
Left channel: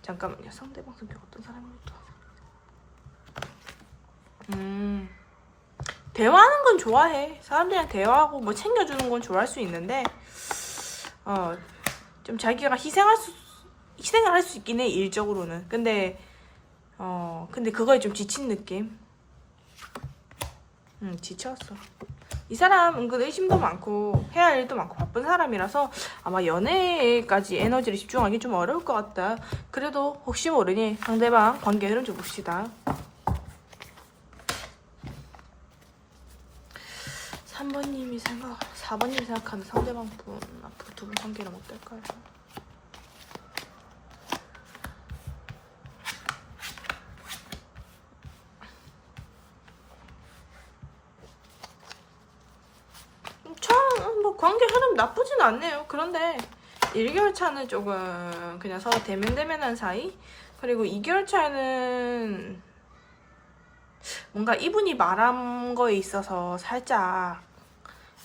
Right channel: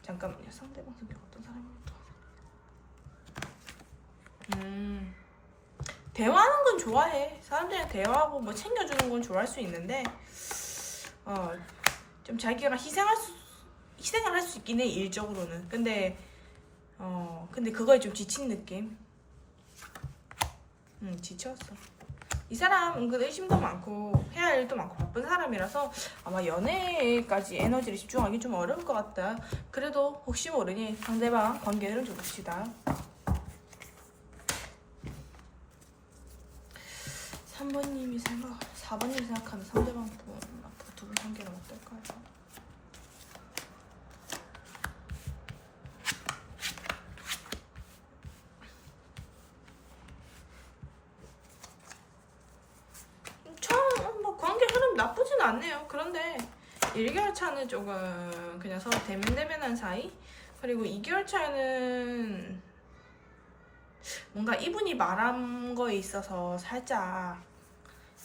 잠깐만요. 상대방 성격 어떤 사람일까? 대화하는 건 좋아해. 사람들이랑 대화하고 뭐 챙겨주는 건 좋아할 수 있는데 좀 자기가 희생을 할 수 있긴 해. 일적으로는. 근데 그거에 좀 지친 느낌. 지쳤어. 이 사람 은근 의심도 많고 해야 할 일도 많고 바쁜 사람이라서 아마 연애까지 에너지를 집중하기 좀 어려울 것 같다. 그래도 혹시 모르니 상대방 관계 흐름 좀 봅시다. 3번님이 4번님이 생각하는 상대방 분 앞으로 두 분 관계는 어떨까요? 뭐 관계 흐름 나쁘진 않네요. 그런데 1개월 차는 조금 그냥 서로 대면대면한 사이. 그리고 2개월 차는 뭔가 이분이 말한 거에 있어서 살짝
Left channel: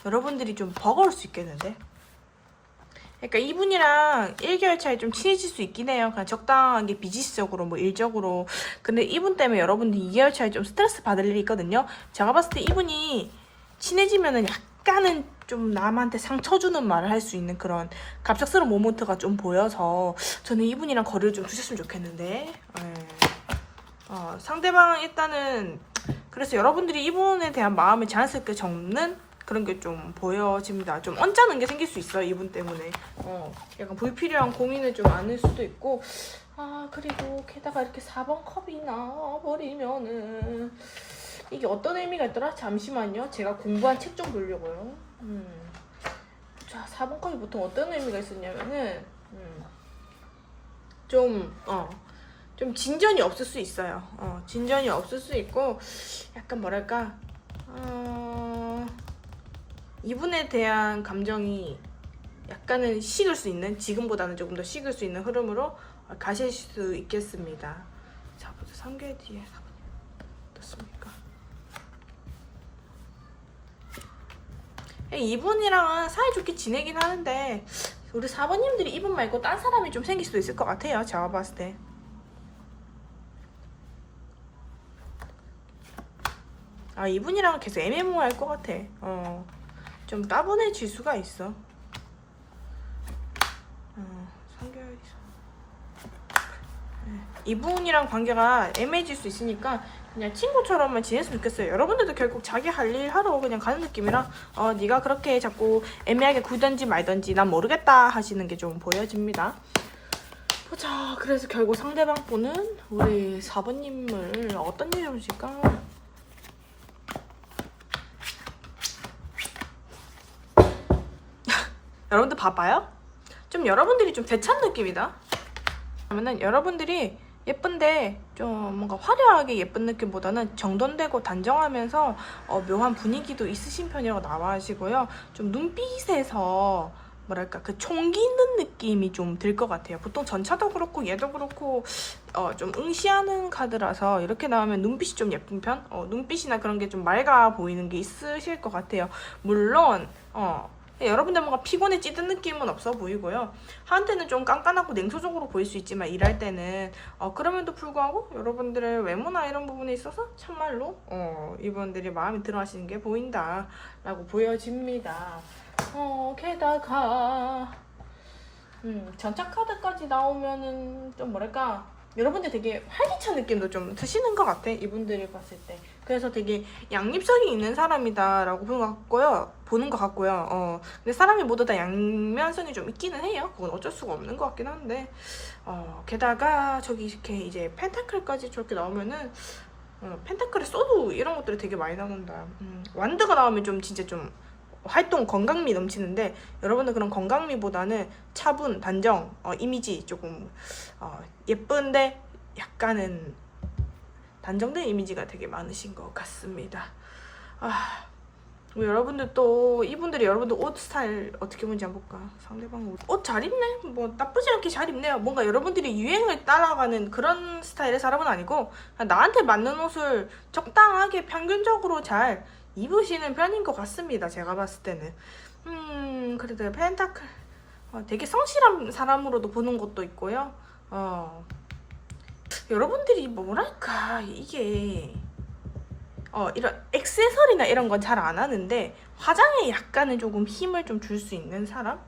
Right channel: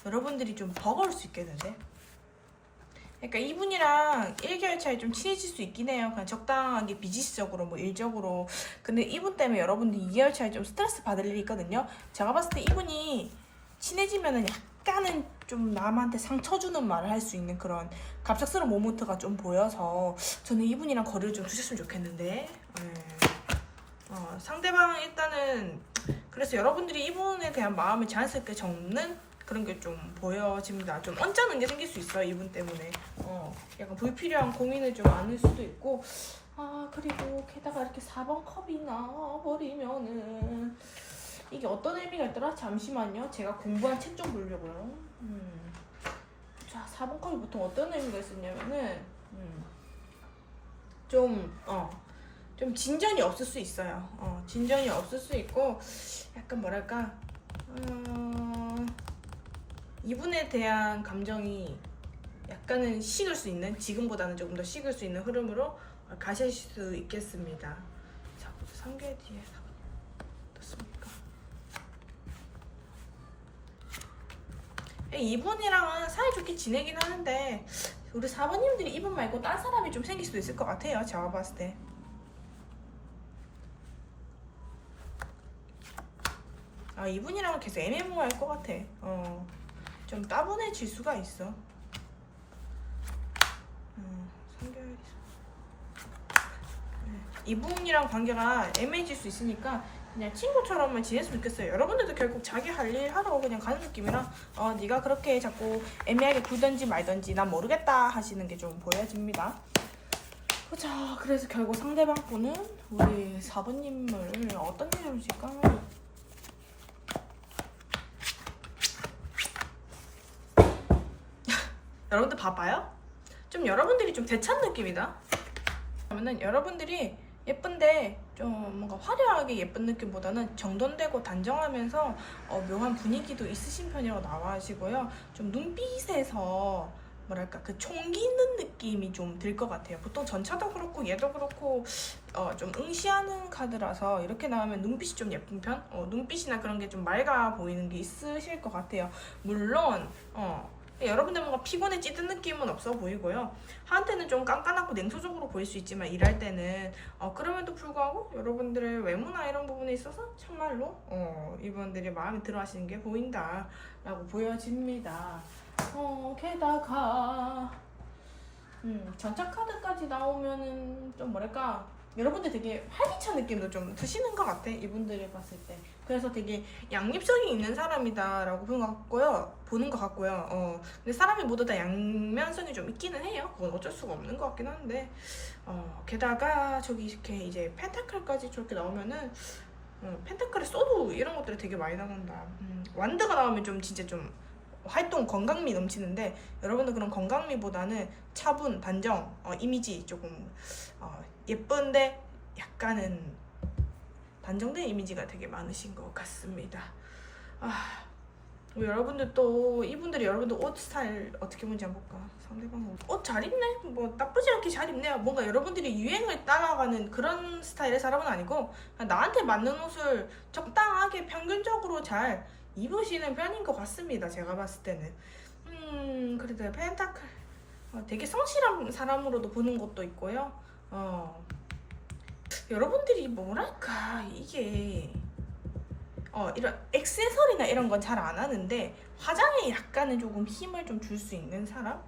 여러분들이 좀 버거울 수 있겠는데. 그러니까 이분이랑 1개월 차에 좀 친해질 수 있긴 해요. 그냥 적당하게 비즈니스적으로 뭐 일적으로. 근데 이분 때문에 여러분들이 2개월 차에 좀 스트레스 받을 일이 있거든요. 제가 봤을 때 이분이 친해지면은 약간은 좀 남한테 상처 주는 말을 할 수 있는 그런 갑작스러운 모먼트가 좀 보여서 저는 이분이랑 거리를 좀 두셨으면 좋겠는데. 상대방 일단은 그래서 여러분들이 이분에 대한 마음을 자연스럽게 접는 그런 게 좀 보여집니다. 좀 언짢은 게 생길 수 있어요. 이분 때문에. 약간 불필요한 고민을 좀 안을 수도 있고. 그리고 게다가 이렇게 4번 컵이 나버리면은 이게 어떤 의미가 있더라? 잠시만요. 제가 공부한 책 좀 보려고요. 자, 4번 컵이 보통 어떤 의미가 있었냐면은 좀 진전이 없을 수 있어요. 진전이 없을 수 있고 약간 뭐랄까 이분에 대한 감정이 약간은 식을 수 있는 지금보다는 조금 더 식을 수 있는 흐름으로 가실 수 있겠습니다. 자, 벌써 3개월 뒤에 어떻습니까? 이분이랑은 사이좋게 지내긴 하는데 우리 4번님들이 이분 말고 딴 사람이 좀 생길 수도 있을 것 같아요. 제가 봤을 때. 이분이랑은 계속 애매모호할 것 같아. 좀 따분해질 수가 있어. 3개월이 이분이랑 관계가 애매해질 수 있으니까 그냥 친구처럼만 지냈으면 좋겠어요. 여러분들도 결국 자기 할 일 하러 그냥 가는 느낌이라 네가 그렇게 자꾸 애매하게 굴든지 말든지 난 모르겠다 하시는 게 좀 보여집니다. 자, 그래서 결국 상대방 분은 우리 4번님을 어떤 얘기를 해주실까? 여러분들 봐봐요? 좀 여러분들이 좀 대찬 느낌이다. 그러면은 여러분들이 예쁜데 좀 뭔가 화려하게 예쁜 느낌보다는 정돈되고 단정하면서 묘한 분위기도 있으신 편이라고 나와주시고요. 좀 눈빛에서 뭐랄까 그 총기 있는 느낌이 좀 들 것 같아요. 보통 전차도 그렇고 얘도 그렇고 좀 응시하는 카드라서 이렇게 나오면 눈빛이 좀 예쁜 편? 눈빛이나 그런 게 좀 맑아 보이는 게 있으실 것 같아요. 물론 여러분들 뭔가 피곤해 찌든 느낌은 없어 보이고요. 한테는 좀 깐깐하고 냉소적으로 보일 수 있지만 일할 때는 그럼에도 불구하고 여러분들의 외모나 이런 부분에 있어서 참말로 이분들이 마음에 들어 하시는 게 보인다 라고 보여집니다. 게다가 전차 카드까지 나오면은 좀 뭐랄까 여러분들 되게 활기찬 느낌도 좀 드시는 것 같아 이분들이 봤을 때. 그래서 되게 양립성이 있는 사람이다라고 보는 것 같고요. 근데 사람이 모두 다 양면성이 좀 있기는 해요. 그건 어쩔 수가 없는 것 같긴 한데 게다가 저기 이렇게 이제 펜타클까지 저렇게 나오면은 펜타클의 소드 이런 것들이 되게 많이 나온다. 완드가 나오면 좀 진짜 좀 활동 건강미 넘치는데 여러분들 그런 건강미보다는 차분, 단정, 이미지 조금 예쁜데 약간은 단정된 이미지가 되게 많으신 것 같습니다. 여러분들 또 이분들이 여러분들 옷 스타일 어떻게 보는지 한번 볼까? 상대방 옷 잘 입네? 뭐 나쁘지 않게 잘 입네요. 뭔가 여러분들이 유행을 따라가는 그런 스타일의 사람은 아니고 나한테 맞는 옷을 적당하게 평균적으로 잘 입으시는 편인 것 같습니다. 제가 봤을 때는 그래도 펜타클 되게 성실한 사람으로도 보는 것도 있고요. 여러분들이 뭐랄까 이게 이런 액세서리나 이런 건 잘 안 하는데 화장에 약간은 조금 힘을 좀 줄 수 있는 사람?